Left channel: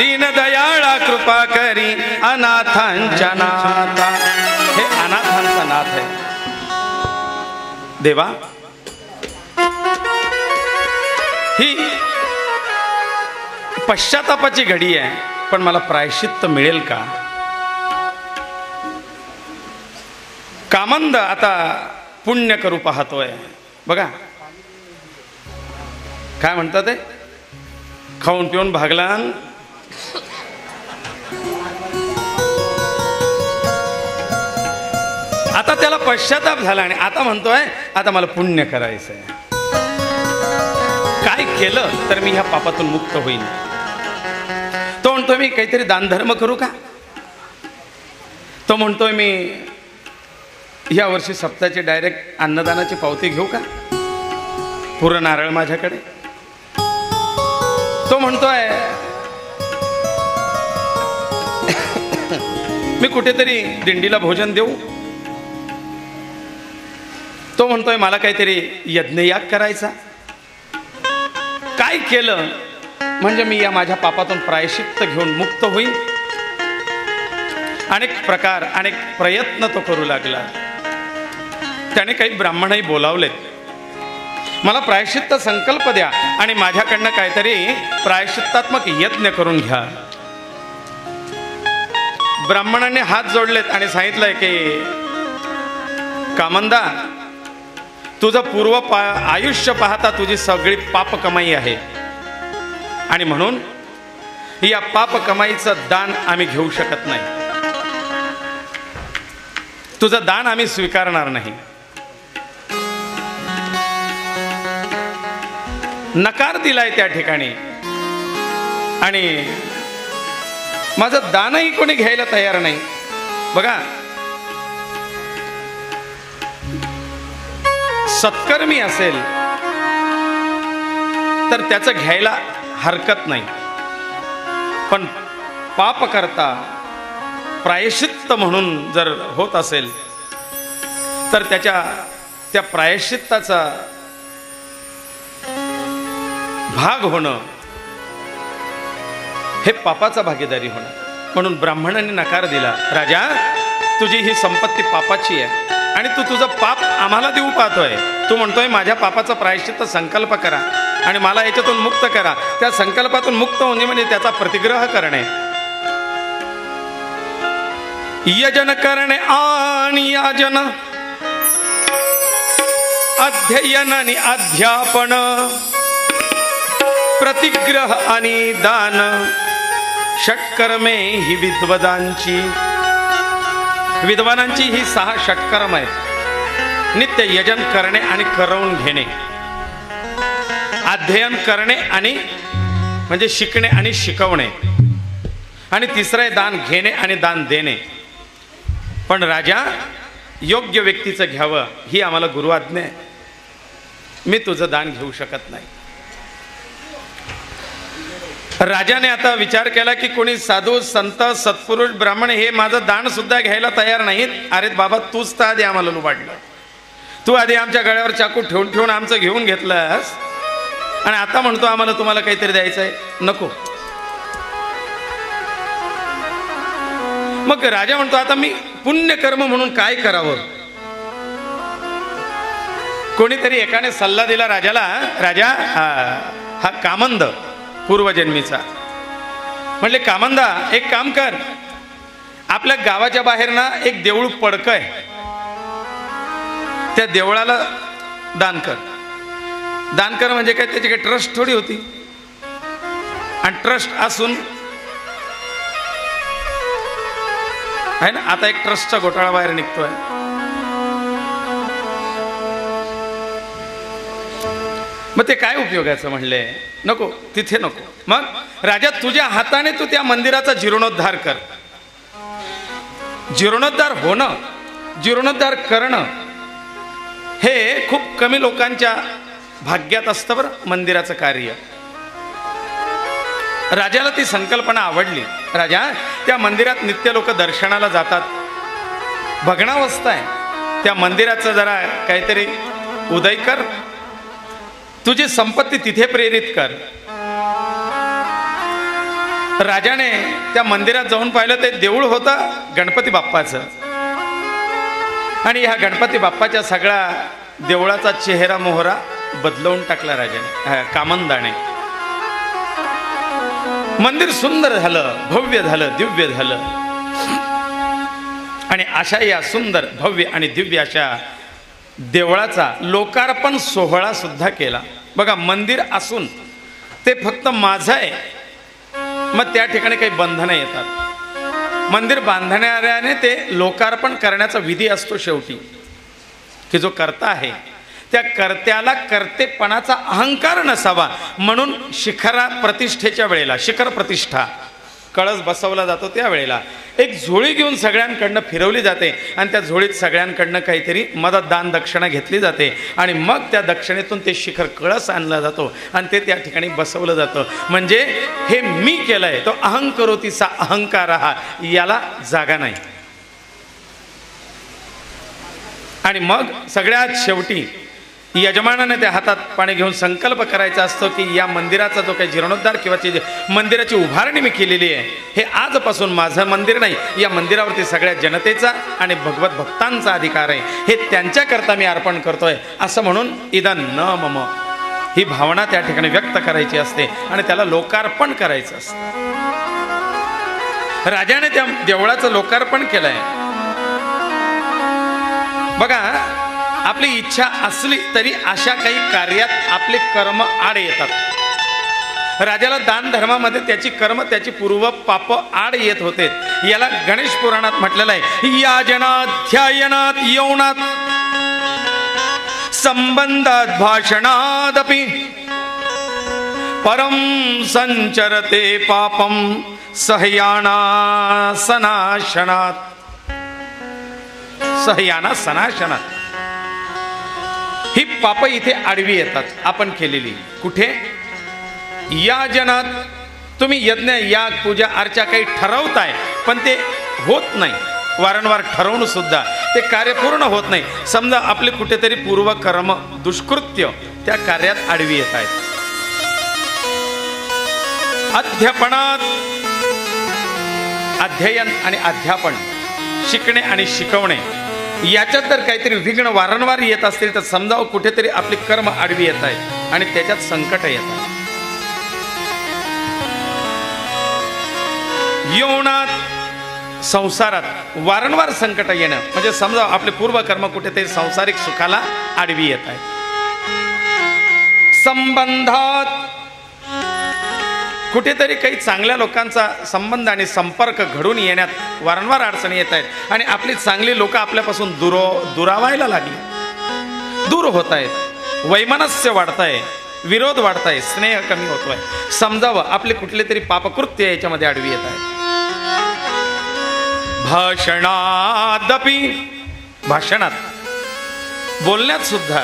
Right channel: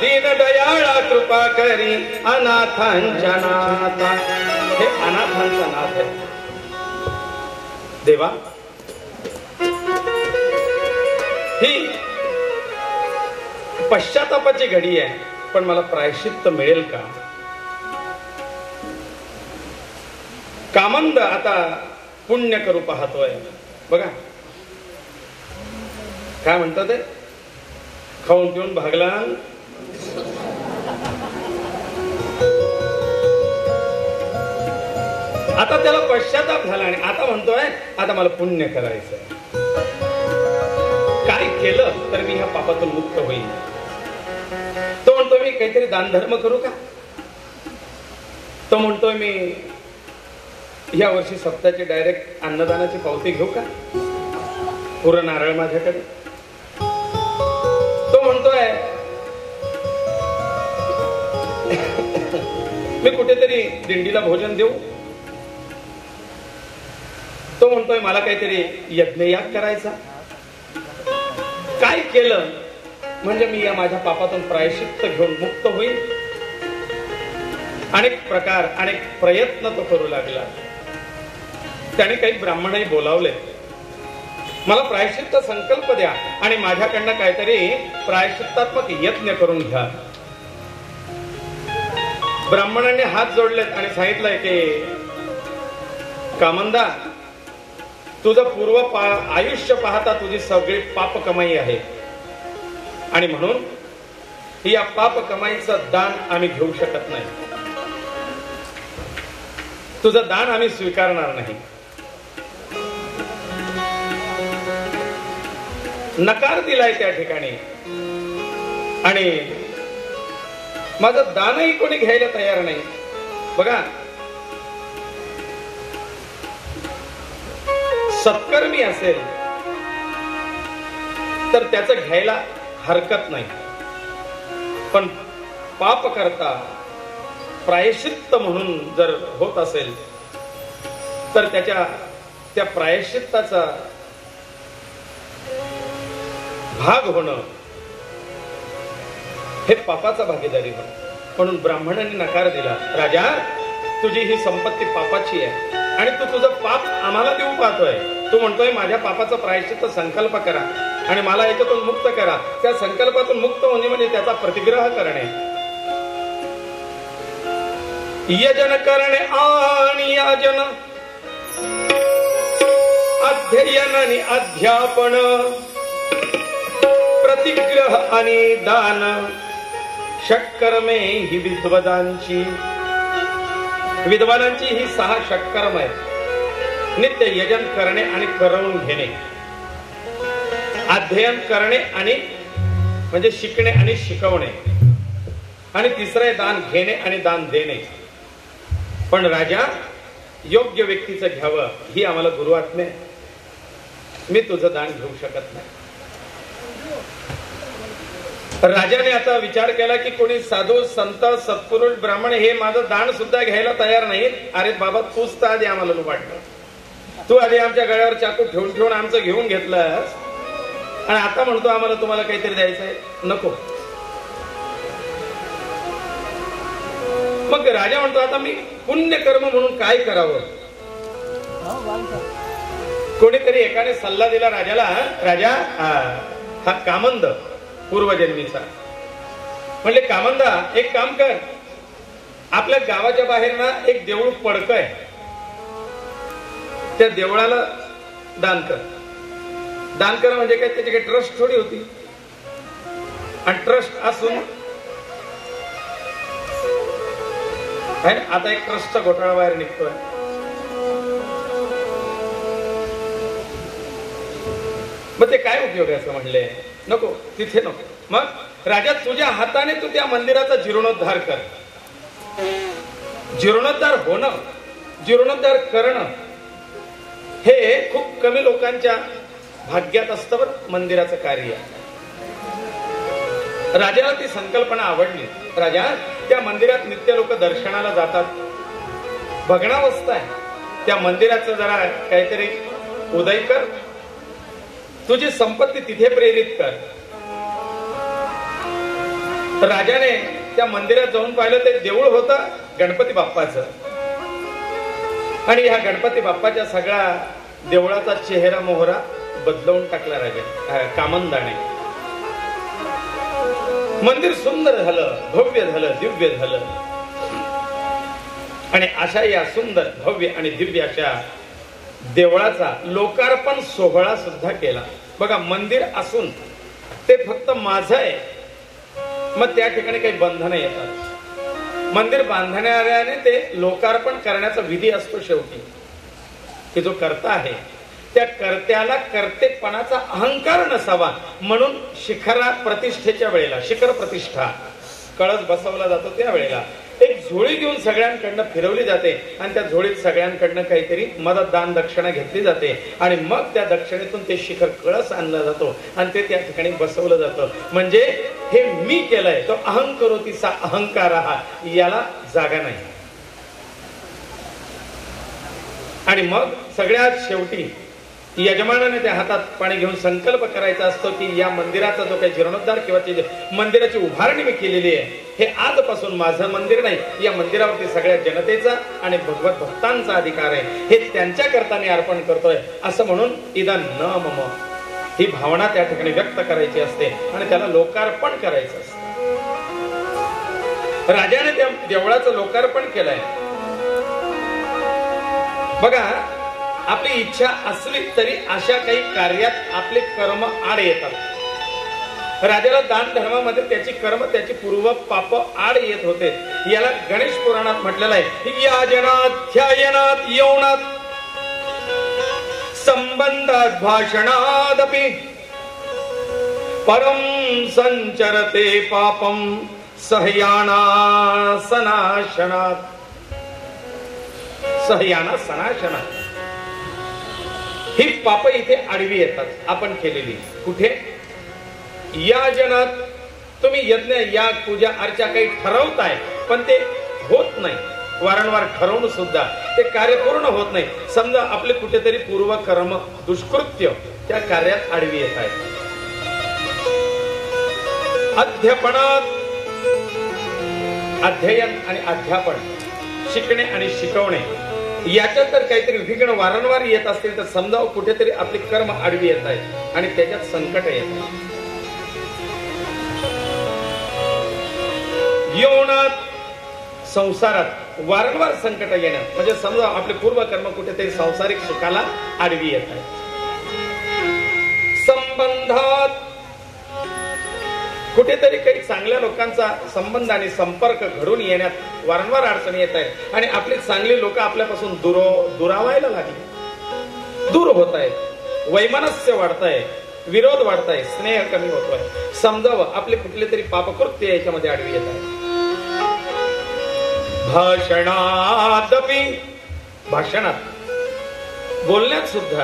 दीन दयाळा कृपा करी अनाथांच्या नाथा. हे अनाथांचा नाथ आहे देवा. ही पश्चातापाची घडी आहे, पण मला प्रायश्चित्त मिळेल का? कामंद आता पुण्य करू पाहतोय. बघा काय म्हणतात ते, खाऊन पिऊन भागला. आता त्याला पश्चाताप झाला आणि आता म्हणतोय आता मला पुण्य करायचंय. काय केलं तर मी ह्या पापातून मुक्त होईल. तो म्हणतोय मी काहीतरी दानधर्म करू का? तो म्हणतोय मी या वर्षी सप्ताहाची डायरेक्ट अन्नदानाची पावती घेऊ का? पुरं नारळ माझ्याकडे. तो म्हणतोय मी कुठेतरी दिंडीला भोजन देऊ. तो म्हणतोय मला काहीतरी यज्ञयाग करायचा. काय केलं म्हणजे मी या माझ्या पापातून प्रायश्चित्त घेऊन मुक्त होईल. अनेक प्रकार अनेक प्रयत्न तो करू लागला. त्याने काही ब्राह्मणही बोलावले, मला प्रायश्चित्त संकल्प द्या आणि माझ्याकडनं काहीतरी प्रायश्चित्तात्मक यज्ञ करून घ्या. ब्राह्मणाने हात जोडलेत आणि सांगितलंय की कामंदा, तुझं पूर्व आयुष्य पाहता तुझी सगळी पाप कमाई आहे आणि म्हणून या पाप कमाईचं दान आम्ही घेऊ शकत नाही. तुझं दान आम्ही स्वीकारणार नाही. नकार दिलाय त्या ठिकाणी आणि माझं दानही कोणी घ्यायला तयार नाही. बघा सत्कर्मी असेल तर त्याचं घ्यायला हरकत नाही, पण पाप करता प्रायश्चित्त म्हणून जर होत असेल तर त्या प्रायश्चित्ताचा भाग होणं हे पापाचा भागीदारी होणं. म्हणून ब्राह्मणाने नकार दिला. राजा, तुझी ही संपत्ती पापाची आहे आणि तू तुझं पाप आम्हाला देऊ पाहतोय. तू म्हणतोय माझ्या पापाचा प्रायश्चित्त संकल्प करा आणि मला ह्याच्यातून मुक्त करा. त्या संकल्पातून मुक्त होणे म्हणजे त्याचा प्रतिग्रह करणे. यजन करणे आणि याजन, अध्ययन आणि अध्यापन, प्रतिग्रह आणि दान, षटकर्मे ही विद्वदांची. विद्वानांची ही 6 षटकर्म आहे. नित्य यजन करणे आणि करवून घेणे, अध्ययन करणे आणि म्हणजे शिकणे आणि शिकवणे, आणि तिसरे दान घेणे आणि दान देणे. पण राजा, योग्य व्यक्तीचं घ्यावं ही आम्हाला गुरुआज्ञा आहे. मी तुझं दान घेऊ शकत नाही. राजाने आता विचार केला की कोणी साधू संत सत्पुरुष ब्राह्मण हे माझं दान सुद्धा घ्यायला तयार नाहीत. अरे बाबा, तूच तर आधी आम्हाला वाटलं. तू आधी आमच्या गळ्यावर चाकू ठेवून ठेवून आमचं घेऊन घेतलंस आणि आता म्हणतो आम्हाला तुम्हाला काहीतरी द्यायचंय. नको. मग राजा म्हणतो आता मी पुण्यकर्म म्हणून काय करावं. कोणीतरी एकाने सल्ला दिला राजाला. राजा, हा कामंद पूर्वजन्मीचा. म्हणले कामंदा, एक काम कर, आपल्या गावाच्या बाहेर ना एक देऊळ पडकय, त्या देवळाला दान कर. दान कर म्हणजे काय, त्याची काही ट्रस्ट थोडी होती. आणि ट्रस्ट असून आहे ना, आता एक ट्रस्टचा घोटाळा बाहेर निघतोय. मग ते काय उपयोगाचं. म्हणले नको, तिथे नको. मग राजा, तुझ्या हाताने तू त्या मंदिराचा जीर्णोद्धार कर. जीर्णोद्धार होणं, जीर्णोद्धार करणं हे खूप कमी लोकांच्या भाग्यात असतं बरं, मंदिराचं कार्य. राजाला ती संकल्पना आवडली. राजा, त्या मंदिरात नित्य लोक दर्शनाला जातात, भग्नावस्था आहे, त्या मंदिराचं जरा काहीतरी उदय कर, तुझी संपत्ती तिथे प्रेरित कर. राजाने त्या मंदिरात जाऊन पाहिलं, ते देऊळ होतं गणपती बाप्पाचं. आणि ह्या गणपती बाप्पाच्या सगळ्या देवळाचा चेहरा मोहरा बदलवून टाकला राजाने, कामंदाने. मंदिर सुंदर झालं, भव्य झालं, दिव्य झालं. आणि अशा या सुंदर भव्य आणि दिव्य अशा देवळाचा लोकार्पण सोहळा सुद्धा केला. बघा, मंदिर असून ते फक्त माझं आहे, मग त्या ठिकाणी काही बंधनं येतात. मंदिर बांधणाऱ्याने ते लोकार्पण करण्याचा विधी असतो शेवटी, की जो कर्ता आहे त्या कर्त्याला कर्तेपणाचा अहंकार नसावा म्हणून शिखरा प्रतिष्ठेच्या वेळेला, शिखर प्रतिष्ठा कळस बसवला जातो त्या वेळेला एक झोळी घेऊन सगळ्यांकडनं फिरवली जाते आणि त्या झोळीत सगळ्यांकडनं काहीतरी मदत दान दक्षिणा घेतली जाते आणि मग त्या दक्षिणेतून ते शिखर कळस आणला जातो आणि ते त्या ठिकाणी बसवलं जातं. म्हणजे हे मी केलंय, तो अहंकरोतीचा अहंकार हा, याला जागा नाही. आणि मग सगळ्यात शेवटी यजमानाने त्या हातात पाणी घेऊन संकल्प करायचा असतो की या मंदिराचा जो काही जीर्णोद्धार किंवा मंदिराची उभारणी मी केलेली आहे, हे आजपासून माझं मंदिर नाही, या मंदिरावरती सगळ्या जनतेचा आणि भगवत भक्तांचा अधिकार आहे, हे त्यांच्याकरता मी अर्पण करतोय असं म्हणून इदं न मम ही भावना त्या ठिकाणी व्यक्त करायची असते आणि त्याला लोकार्पण करायचं असतं. राजाने त्या देवळाचं लोकार्पण केलंय. बघा, आपली इच्छा असली तरी अशा काही कार्यात आपले कर्म आड येतात. राजाला दान धर्मामध्ये त्याची कर्म, त्याची पूर्व पाप आड येत होते. याला गणेश पुराणात म्हटलेलं आहे, याजनात ध्यायनात यौनात संबंधात भाषणादपि परम संचरते पापम सहयाना सनाशनात. सहयाना सनाशनात ही पाप इथे आडवी येतात आपण केलेली. कुठे? या जनात तुम्ही यज्ञ याग पूजा अर्चा काही ठरवताय पण ते होत नाही, वारंवार ठरवून सुद्धा ते कार्य पूर्ण होत नाही. समजा आपले कुठेतरी पूर्व कर्म दुष्कृत्य त्या कार्यात आडवी येत आहेत. अध्यापनात अध्ययन आणि अध्यापन, शिकणे आणि शिकवणे याच्यात जर काहीतरी विघ्न वारंवार येत असतील तर समजावं कुठेतरी आपले कर्म आडवी येत आहेत आणि त्याच्यात संकट येतात. यौनात संसारात वारंवार संकट येणं म्हणजे समजा आपले पूर्व कर्म कुठेतरी सांसारिक सुखाला आडवी येत आहे. संबंधात कुठेतरी काही चांगल्या लोकांचा संबंध आणि संपर्क घडून येण्यात वारंवार अडचणी येत आहेत आणि आपली चांगली लोक आपल्यापासून दुरावायला लागली, दूर होत आहेत, वैमनस्य वाढताय, विरोध वाढताय, स्नेह कमी होतोय. समजावं आपले कुठले तरी पापकृत्य याच्यामध्ये आडवी येत आहे. भाषणादपि भाषणात बोलण्यात सुद्धा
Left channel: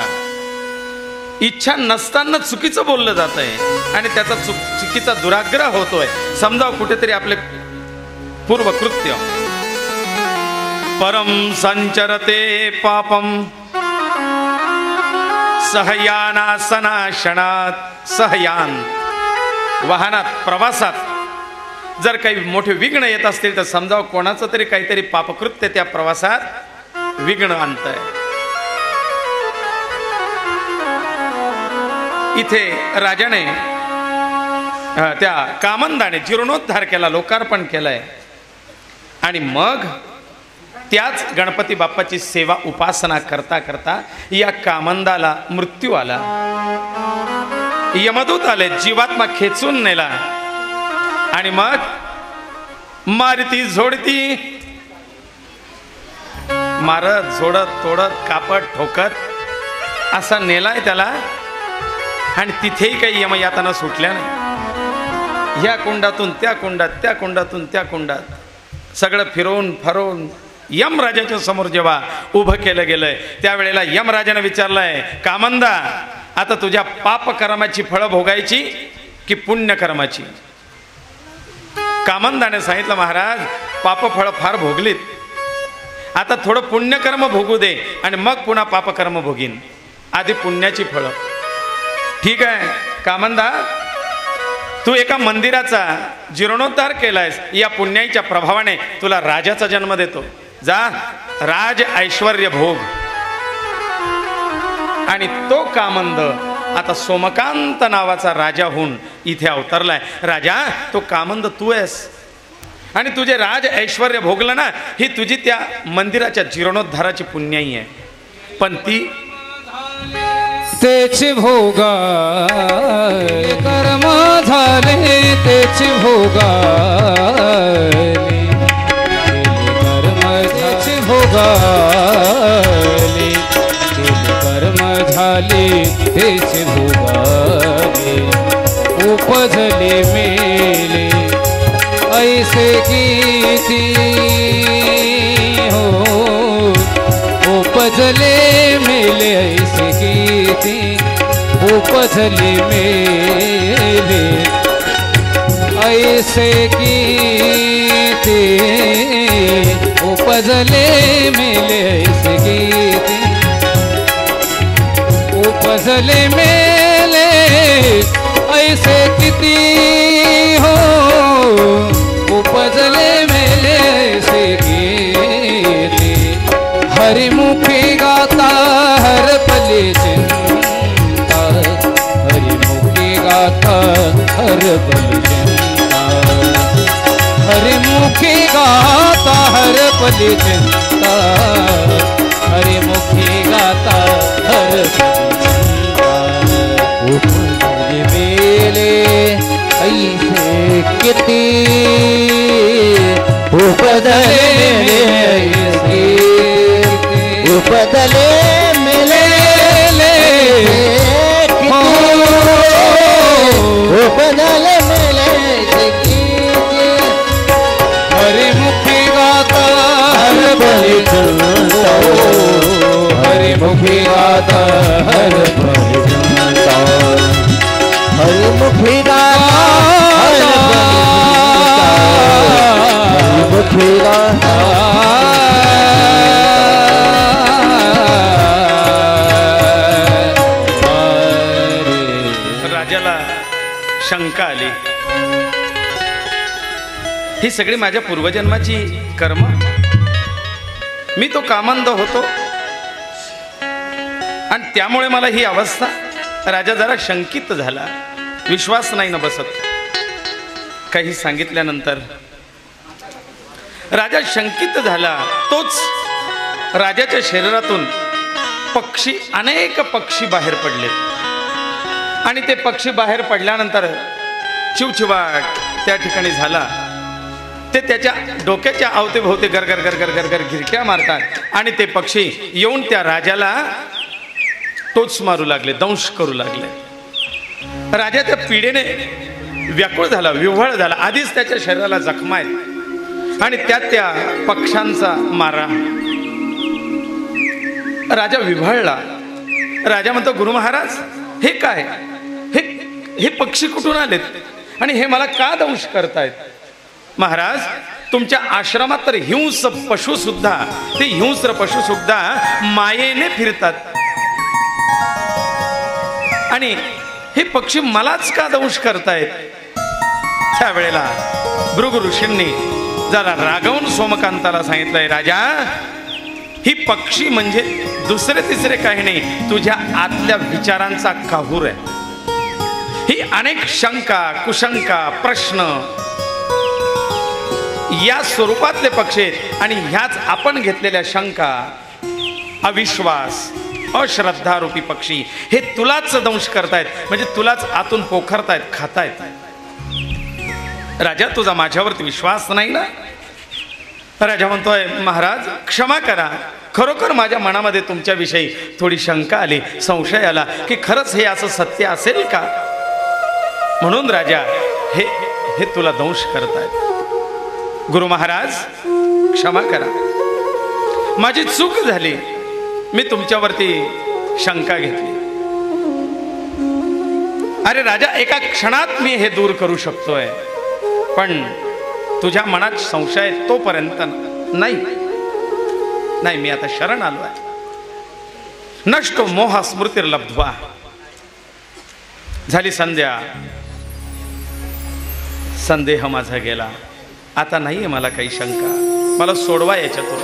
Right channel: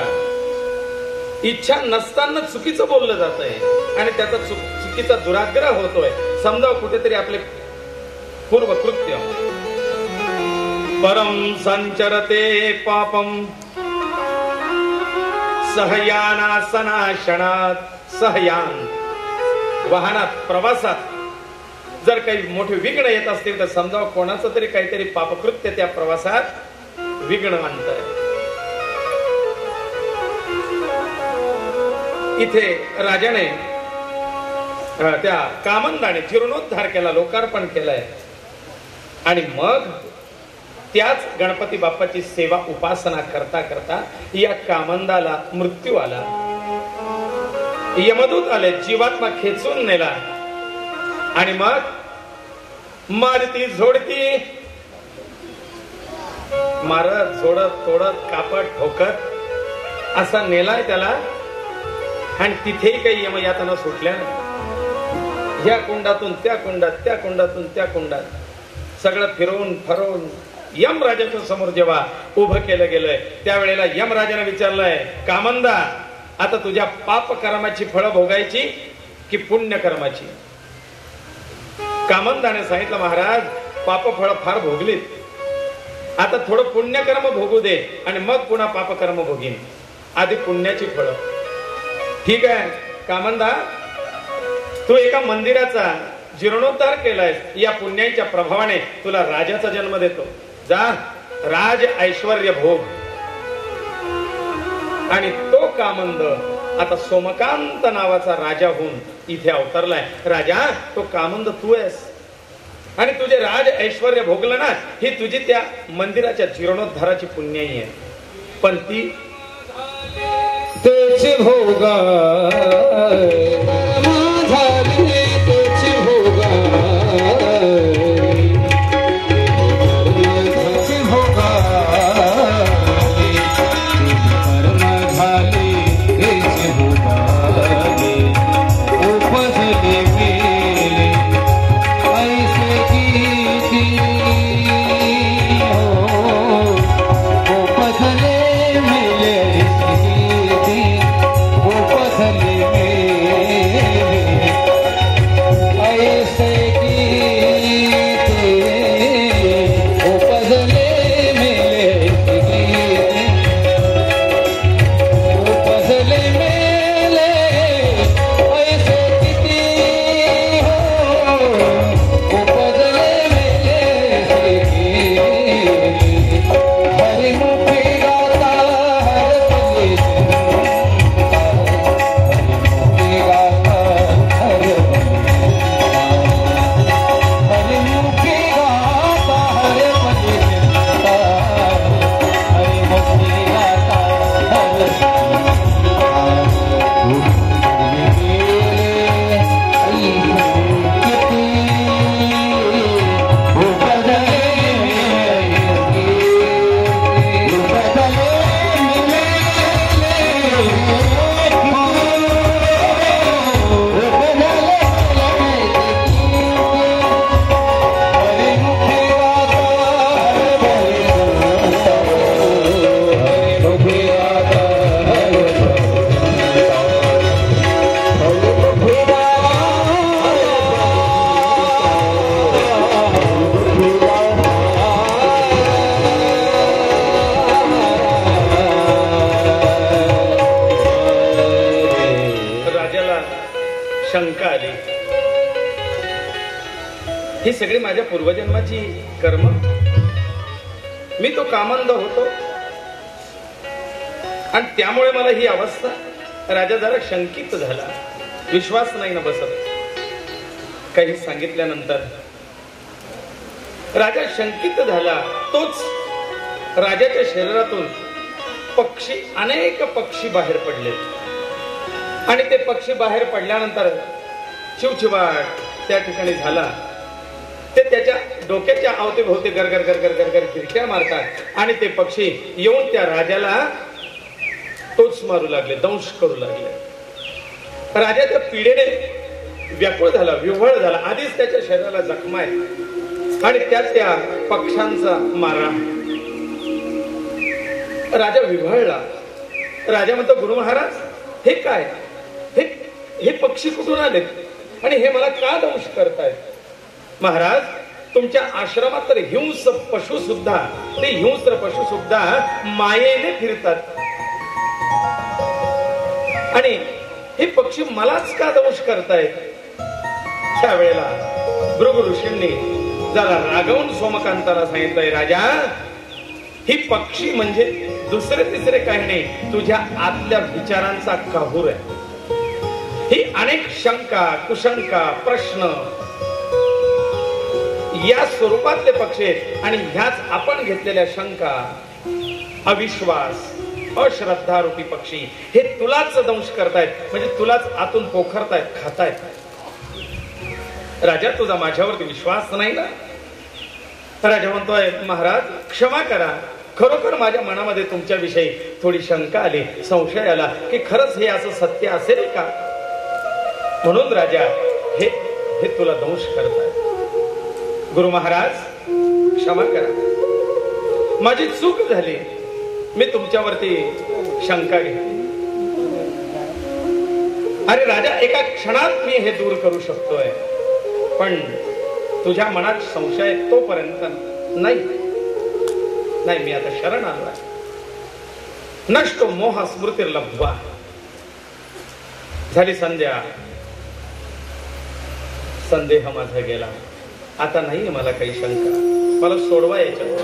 इच्छा नसताना चुकीचं बोललं जात आहे आणि त्याचा चुकीचा दुराग्रह होतोय. समजा कुठेतरी आपले पूर्वकृत्य परम संचरते पापम सहयाना सनाशनात. सहयान वाहनात प्रवासात जर काही मोठे विघ्न येत असतील तर समजा कोणाचं तरी काहीतरी पापकृत्य त्या प्रवासात विघ्न आणतंय. इथे राजाने त्या कामंदाने जीर्णोद्धार केला, लोकार्पण केलंय आणि मग त्याच गणपती बाप्पाची सेवा उपासना करता करता या कामंदाला मृत्यू आला. यमदूत आले, जीवात्मा खेचून नेला आणि मग मारती झोडती मारत झोडत तोडत कापत ठोकत असा नेलाय त्याला. आणि तिथेही काही यमयातना सुटल्या नाही. या कुंडातून त्या कुंडात, त्या कुंडातून त्या कुंडात सगळं फिरवून फरवून यमराजाच्या समोर जेव्हा उभं केलं गेलंय त्यावेळेला यमराजाने विचारलंय, कामंदा आता तुझ्या पाप कर्माची फळं भोगायची की पुण्य कर्माची? कामंदाने सांगितलं, महाराज पाप फळ फार भोगलीत, आता थोडं पुण्यकर्म भोगू दे आणि मग पुन्हा पापकर्म भोगीन, आधी पुण्याची फळं. ठीक आहे कामंदा, तू एका मंदिराचा जीर्णोद्धार केलायस, या पुण्याईच्या प्रभावाने तुला राजाचा जन्म देतो. जा, राज ऐश्वर्य भोग. आणि तो कामंद आता सोमकांत नावाचा राजा होऊन इथे अवतरलाय. राजा, तो कामंद तू आहेस. आणि तुझे राज ऐश्वर्य भोगलं ना, ही तुझी त्या मंदिराच्या जीर्णोद्धाराची पुण्याई आहे. पण ती तेचे भोगा कर्म झाले, तेचे भोगा ही सगळी माझ्या पूर्वजन्माची कर्म. मी तो कामंद होतो आणि त्यामुळे मला ही अवस्था. राजा जरा शंकित झाला, विश्वास नाही ना बसत. काही सांगितल्यानंतर राजा शंकित झाला. तोच राजाच्या शरीरातून पक्षी, अनेक पक्षी बाहेर पडले. आणि ते पक्षी बाहेर पडल्यानंतर चिवचिवाट त्या ठिकाणी झाला. ते त्याच्या डोक्याच्या अवतीभोवती गरगर गरगर गरगर गिरक्या मारतात आणि ते पक्षी येऊन त्या राजाला टोच मारू लागले, दंश करू लागले. राजा त्या पीडेने व्याकुळ झाला, विव्हळ झाला. आधीच त्याच्या शरीराला जखमा आहे आणि त्यात त्या पक्ष्यांचा मारा. राजा विव्हळला. राजा म्हणतो, गुरु महाराज, हे काय? हे पक्षी कुठून आलेत आणि हे मला का दंश करतायत? महाराज, तुमच्या आश्रमात तर हिंस पशु सुद्धा, ते हिंस्र पशु सुद्धा मायेने फिरतात आणि हे पक्षी मलाच का दंश करतायत? त्यावेळेला भृगु ऋषींनी जरा रागवून सोमकांताला सांगितलंय, राजा, ही पक्षी म्हणजे दुसरे तिसरे काही नाही, तुझ्या आतल्या विचारांचा काहूर आहे. ही अनेक शंका, कुशंका, प्रश्न या स्वरूपातले पक्षी आणि ह्याच आपण घेतलेल्या शंका, अविश्वास, अश्रद्धा रूपी पक्षी हे तुलाच दंश करतायत, म्हणजे तुलाच आतून पोखरतायत, खातायत. राजा, तुझा माझ्यावरती विश्वास नाही ना? राजा म्हणतोय, महाराज क्षमा करा, खरोखर माझ्या मनामध्ये तुमच्याविषयी थोडी शंका आली, संशय आला की खरंच हे असं सत्य असेल का, म्हणून राजा हे तुला दंश करतायत. गुरु महाराज क्षमा करा, माझी चूक झाली, मी तुमच्यावरती शंका घेतली. अरे राजा, एका क्षणात मी हे दूर करू शकतोय, पण तुझ्या मनात संशय तोपर्यंत नाही. मी आता शरण आलोय. नष्टो मोह स्मृतिर्लब्ध्वा. झाली संध्या. संदेह माझा गेला. आता नाहीये मला काही शंका. मला सोडवा याच्यातून.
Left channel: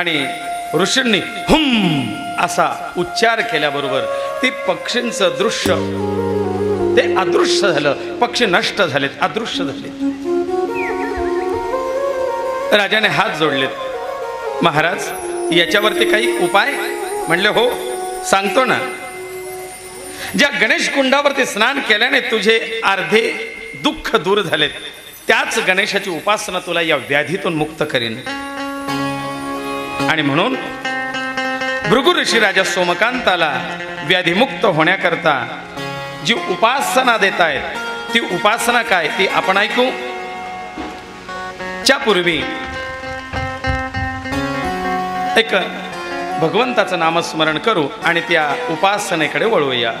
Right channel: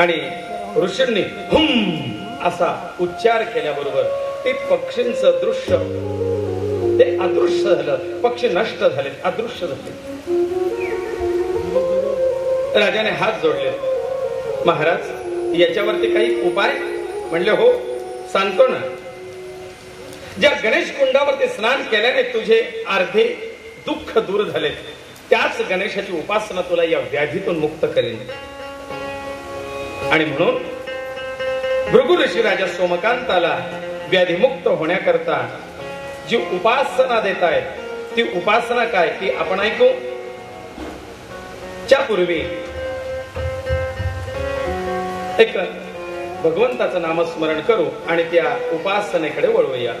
आणि ऋषींनी हुम असा उच्चार केल्याबरोबर ते पक्षींचं दृश्य ते अदृश्य झालं. पक्षी नष्ट झालेत, अदृश्य झाले. राजाने हात जोडलेत. महाराज, याच्यावरती काही उपाय? म्हणले हो, सांगतो ना. ज्या गणेश कुंडावरती स्नान केल्याने तुझे अर्धे दुःख दूर झालेत, त्याच गणेशाची उपासना तुला या व्याधीतून मुक्त करीन. आणि म्हणून भृगु ऋषी राजा सोमकांताला व्याधीमुक्त होण्याकरता जी उपासना देत आहेत, ती उपासना काय ती आपण ऐकू. त्यापूर्वी एक भगवंताचं नामस्मरण करू आणि त्या उपासनेकडे वळूया.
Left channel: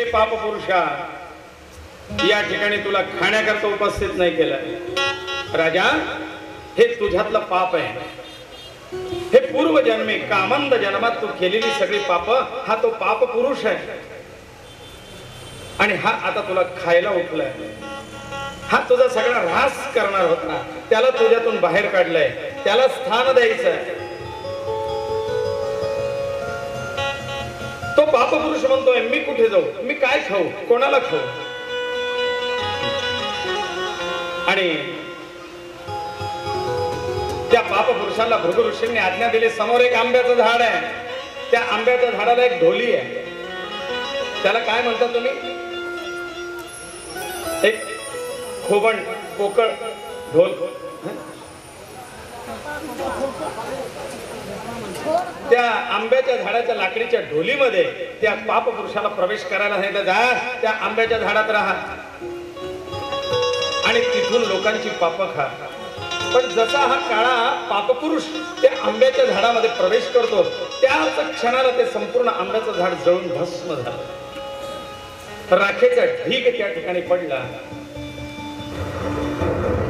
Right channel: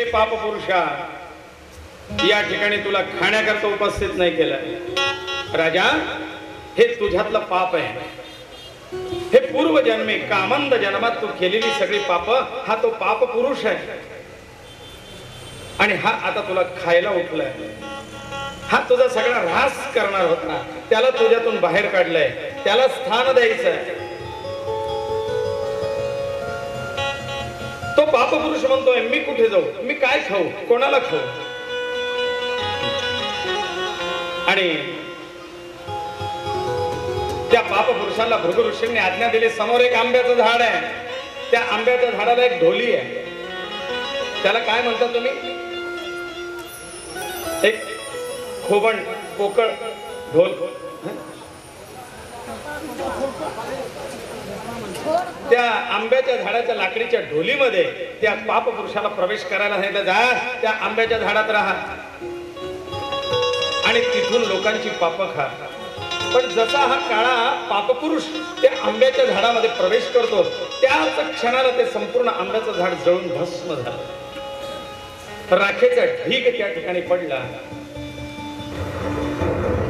हे पाप पुरुषा, या ठिकाणी तुला खाण्याकरता उपस्थित नाही केलं राजा. हे तुझ्यातलं पाप आहे. हे पूर्वजन्मी कामंद जन्मात तू केलेली सगळी पाप, हा तो पाप पुरुष आहे. आणि हा आता तुला खायला उठलाय. हा तुझा सगळा ऱ्हास करणार होता, त्याला तुझ्यातून बाहेर काढलंय, त्याला स्थान द्यायचंय. तो पाप पुरुष म्हणतोय मी कुठे जाऊ, मी काय खाऊ, कोणाला खाऊ. आणि त्या पाप पुरुषाला भृगु ऋषींनी आज्ञा दिली, समोर एक आंब्याचं झाड आहे, त्या आंब्याच्या झाडाला एक ढोली आहे. त्याला काय म्हणता तुम्ही? एक खोबण पोकळ ढोल. त्या आंब्याच्या झाडाच्या लाकडीच्या ढोलीमध्ये त्या पाप पुरुषाला प्रवेश करायला सांगितलं, जा त्या आंब्याच्या झाडात राहा आणि तिथून लोकांची पाप खा. पण जसा हा काळा पापपुरुष त्या आंब्याच्या झाडामध्ये प्रवेश करतो, त्याच क्षणाला ते संपूर्ण आंब्याचं झाड जळून भस्म झालं. राखेचा ढीग त्या ठिकाणी पडला.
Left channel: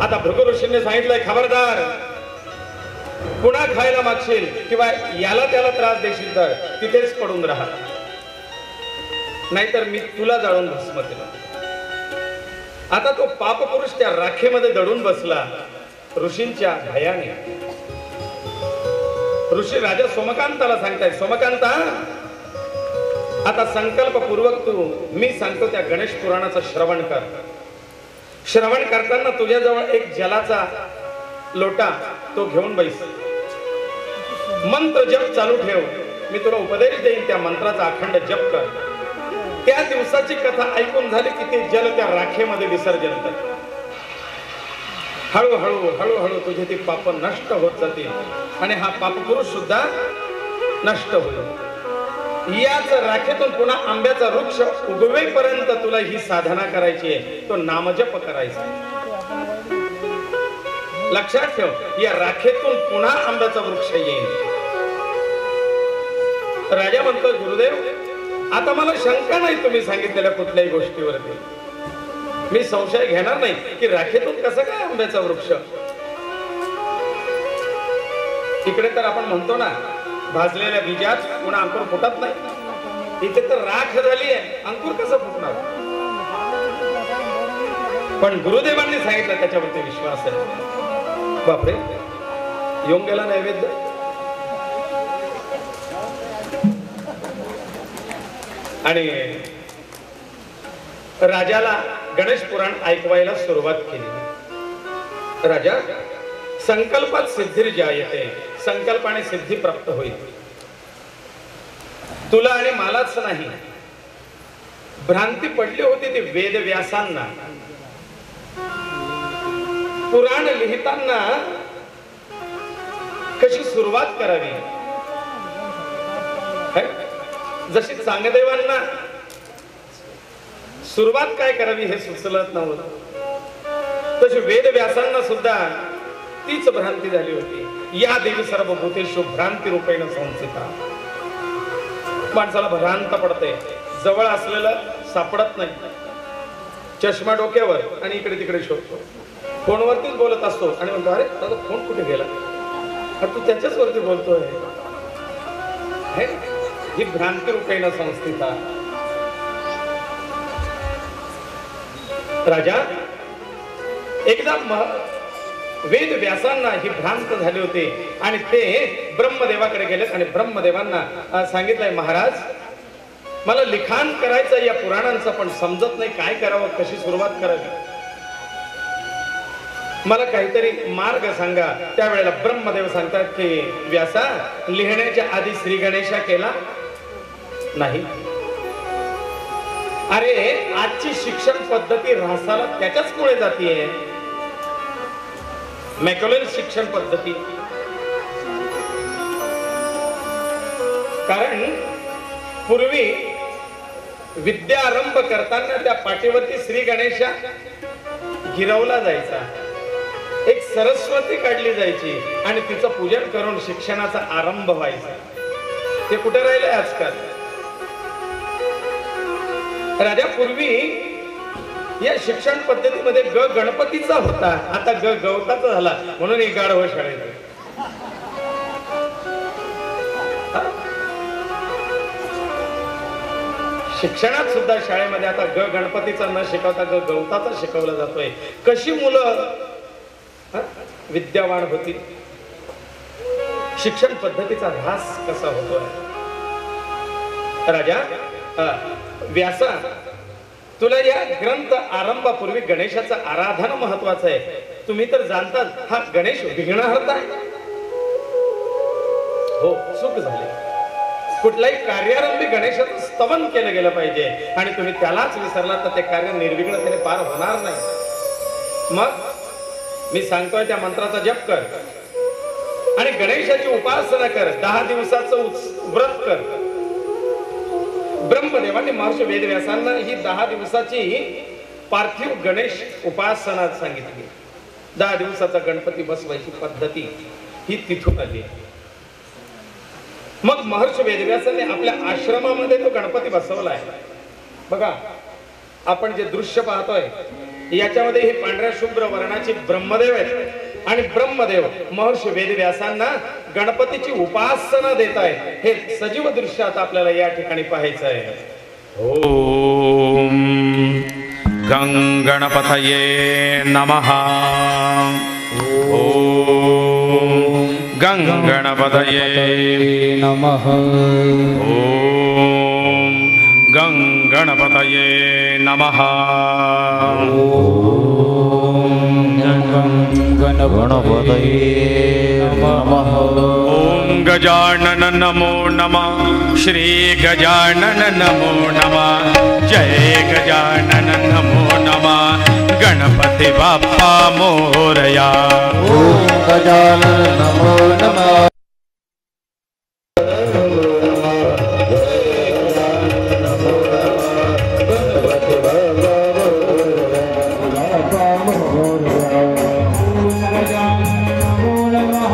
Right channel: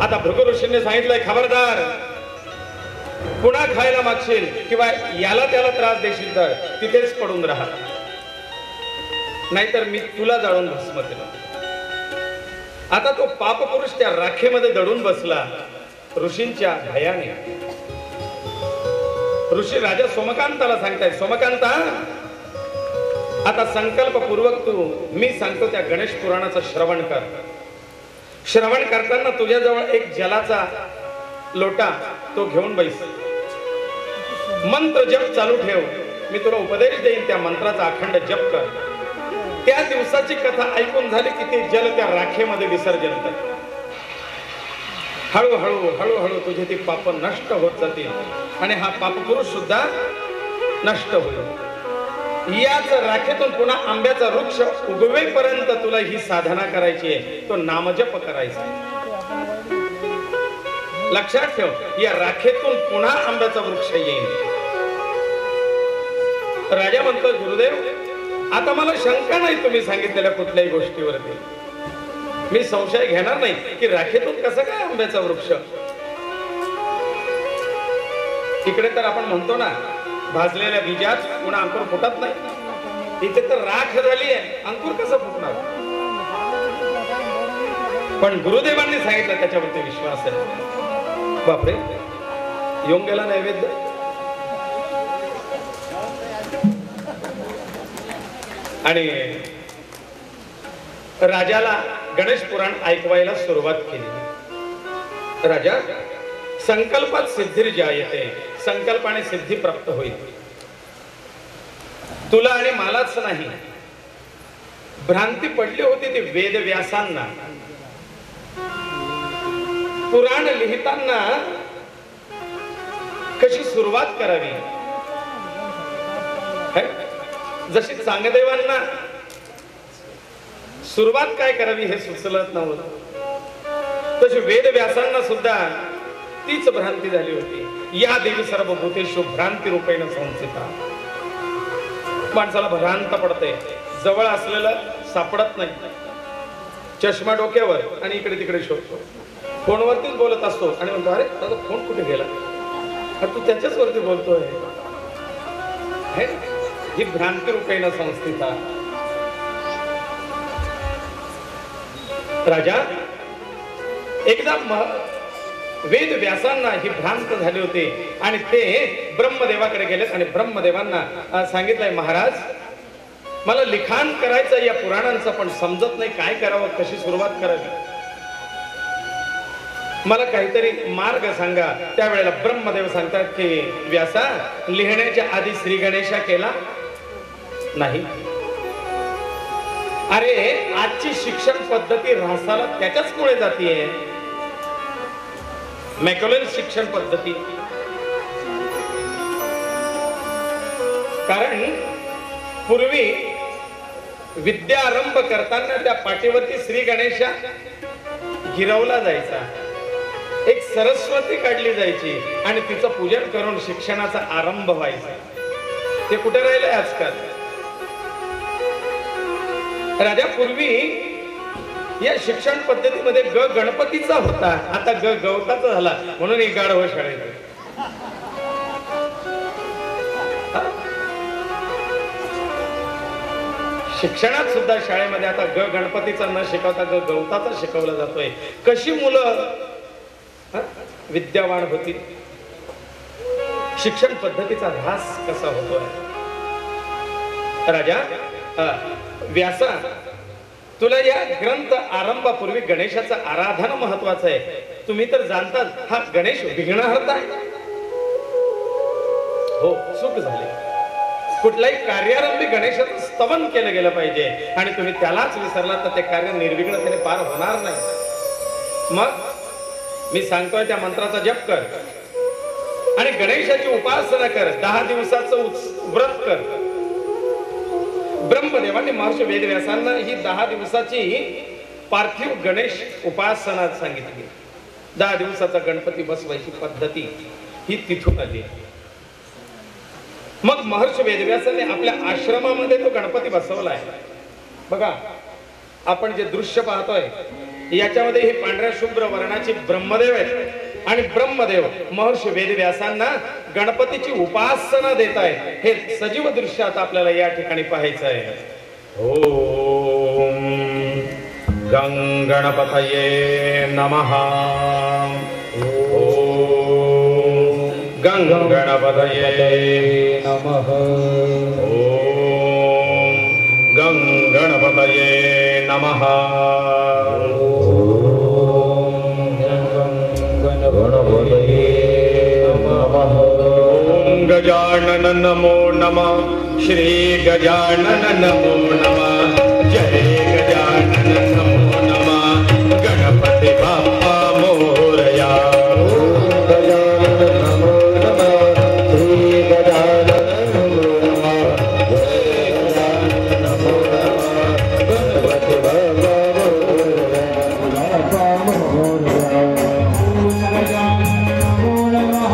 आता भृगु ऋषींनी सांगितलंय, खबरदार, पुन्हा खायला मागशील किंवा याला त्याला त्रास देशील तर तिथेच पडून राहा, नाहीतर मी तुला जाळून भस्म केलं. आता तो पापपुरुष त्या राखेमध्ये दडून बसला ऋषींच्या भयाने. ऋषी राजा सोमकांताला सांगतायत, सोमकांता, आता संकल्पपूर्वक तू मी सांगतो त्या गणेश पुराणाचं श्रवण कर. श्रवण करताना तुझ्याजवळ एक जलाचा लोटा तो घेऊन बैस. मंत्र जप चालू ठेव. मी तुला उपदेश देईन, त्या मंत्राचा अखंड जप कर. त्या दिवसाची कथा ऐकून झाली की ते जल त्या राखेमध्ये विसर्जन कर. हळूहळू हळूहळू तुझे ती पाप नष्ट होत जातील आणि हा पापपुरुष सुद्धा नष्ट होईल. याच राखेतून पुन्हा आंब्याचा वृक्ष उगवेपर्यंत तुला ही साधना करायची आहे, तो नामजप करायचा आहे. लक्षात ठेव, या राखेतून पुन्हा आंब्याचा वृक्ष येईल. राजा म्हणतो, गुरुदेव, आता मला शंका नाही तुम्ही सांगितलेल्या कुठल्याही गोष्टीवरती. मी संशय घेणार नाही की राखेतून कसं काय आंब्याचा वृक्ष. इकडे तर आपण म्हणतो ना, भाजलेल्या बीजात पुन्हा अंकुर फुटत नाही. इथे तर राख झाली आहे, अंकुर कसं फुटणार. पण गुरुदेवांनी सांगितलं, त्याच्यावरती विश्वास आहे. बापरे, येऊन गेला नैवेद्य. आणि राजाला गणेश पुराण ऐकवायला सुरुवात केली. राजा, संकल्पात सिद्धी जायते, संकल्पाने सिद्धी प्राप्त होईल. तुला आणि मलाच नाही, भ्रांती पडली होती ती वेद व्यासांना. पुराण लिहिताना कशी सुरुवात करावी, जशी चांगदेवांना सुरुवात काय करावी हे सुचलत नव्हतं, तशी वेद व्यासांना सुद्धा तीच भ्रांती झाली होती. या देवी सर्व भूतेषु भ्रांती रूपेण संस्थिता. माणसाला भ्रांत पडते, जवळ असलेलं सापडत नाही. चष्मा डोक्यावर आणि इकडे तिकडे शोधतो. फोनवरतीच बोलत असतो आणि म्हणतो, अरे माझा फोन कुठे गेला, तू त्याच्याच वरती बोलतोय. ही भ्रांती रूपेण संस्थिता. राजा, एकदा वेद व्यासांना ही भ्रांत झाली होती आणि ते ब्रह्मदेवाकडे गेले आणि ब्रह्मदेवांना सांगितलंय, महाराज, मला लिखाण करायचं या पुराणांचं, पण समजत नाही काय करावं, कशी सुरुवात करावी, मला काहीतरी मार्ग सांगा. त्यावेळेला ब्रह्मदेव सांगतात की व्यासा, लिहिण्याच्या आधी श्री गणेशा केला नाही. अरे, आजची शिक्षण पद्धती ऱ्हासाला त्याच्याच मुळे जातीये. मॅकॅलन शिक्षण पद्धती. कारण पूर्वी विद्यारंभ करताना त्या पाठीवरती श्री गणेशा गिरवला जायचा, एक सरस्वती काढली जायची आणि तिचं पूजन करून शिक्षणाचा आरंभ व्हायचा. ते कुठे राहिलंय आजकाल. राजा पूर्वी या शिक्षण पद्धतीमध्ये ग गणपतीचा होता, आता ग गवताचा झाला, म्हणून एक गाढव शाळेत. शिक्षणात सुद्धा शाळेमध्ये आता ग गणपतीचा न शिकवता ग गवताचा शिकवला जातोय. कशी मुलं विद्यावान होती, शिक्षण पद्धतीचा ऱ्हास कसा होतोय. राजा व्यासा, तुला या ग्रंथ आरंभापूर्वी गणेशाचं आराधन महत्वाचं आहे. तुम्ही तर जाणताच हा गणेश विघ्नहर्ता आहे. हो, चूक झाली. कुठलाही कार्यारंभी गणेशाचं स्तवन केलं गेलं पाहिजे आणि तुम्ही त्यालाच विसरला तर ते कार्य निर्विघ्नतेने पार होणार नाही. मग मी सांगतोय त्या मंत्राचा जप कर आणि गणेशाची उपासना कर. 10 दिवसाचं व्रत कर. ब्रह्मदेवाने महर्षी वेदव्यासांना ही 10 दिवसाची पार्थिव गणेश उपासना सांगितली. 10 दिवसाचा गणपती बसवायची पद्धती ही तिथून आली. मग महर्षी वेदव्यासांनी आपल्या आश्रमामध्ये तो गणपती बसवलाय. बघा, आपण जे दृश्य पाहतोय याच्यामध्ये हे पांढऱ्या शुभ्र वर्णाचे ब्रह्मदेव आहेत आणि ब्रह्मदेव महर्षी वेदव्यासांना गणपतीची उपासना देत आहेत. हे सजीव दृश्य आता आपल्याला या ठिकाणी पाहायचं आहे. ओम गं गणपतये नमः. ओम गं गणपतये नमः. ओम गं गणपतये नमः. ओम गजानन नमो नमः. श्री गजानन नमो नमः. जय गजानन नमो नमः. गणपती बाप्पा मोरया. ओम गजानन नमो नमः. श्री गजानन नमो नमः. जय गजानन नमो नमः. गणपती बाप्पा मोरया. ओम गजानन नमो नमः.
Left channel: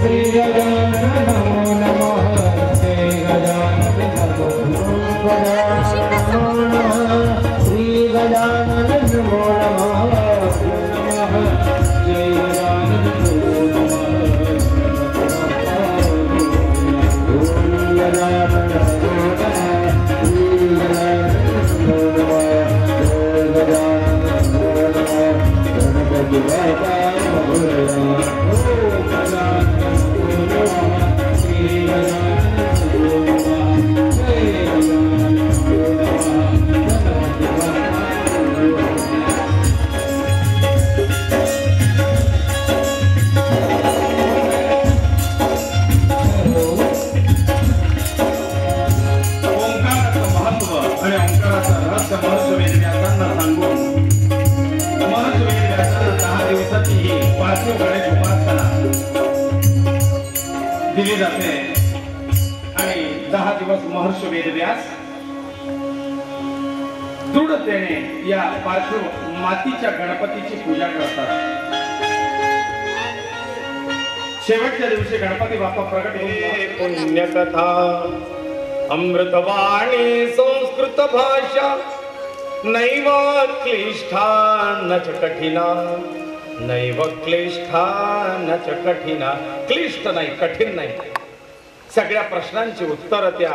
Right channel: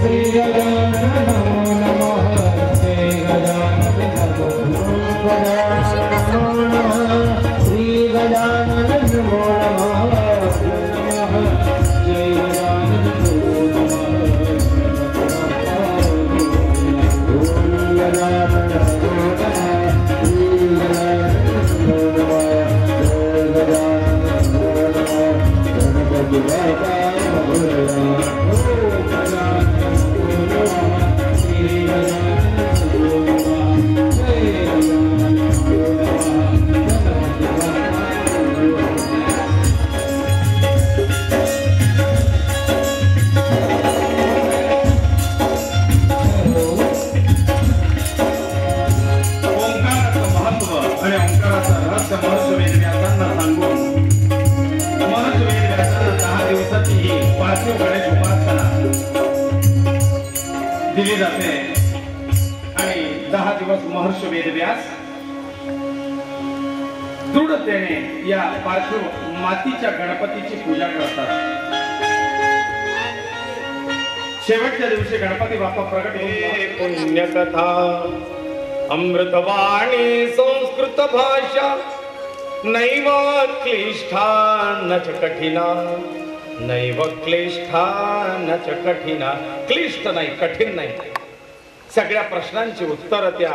श्री गजानन नमो नमः. जय गजानन नमो नमः. श्री गजानन नमो नमः. जय दिली जाते आणि 10 दिवस महर्षी वेदव्यास दृढतेने या पार्थिव मातीच्या गणपतीची पूजा करतात. शेवटच्या दिवशी गणपती बाप्पा प्रकट होऊन पुण्यकथा अमृतवाणी संस्कृत भाषा नैव क्लिष्ठा न च कठिना. नैव क्लिष्ठा न च कठिना. क्लिष्ट नाही, कठीण नाही. सगळ्या प्रश्नांची उत्तर त्या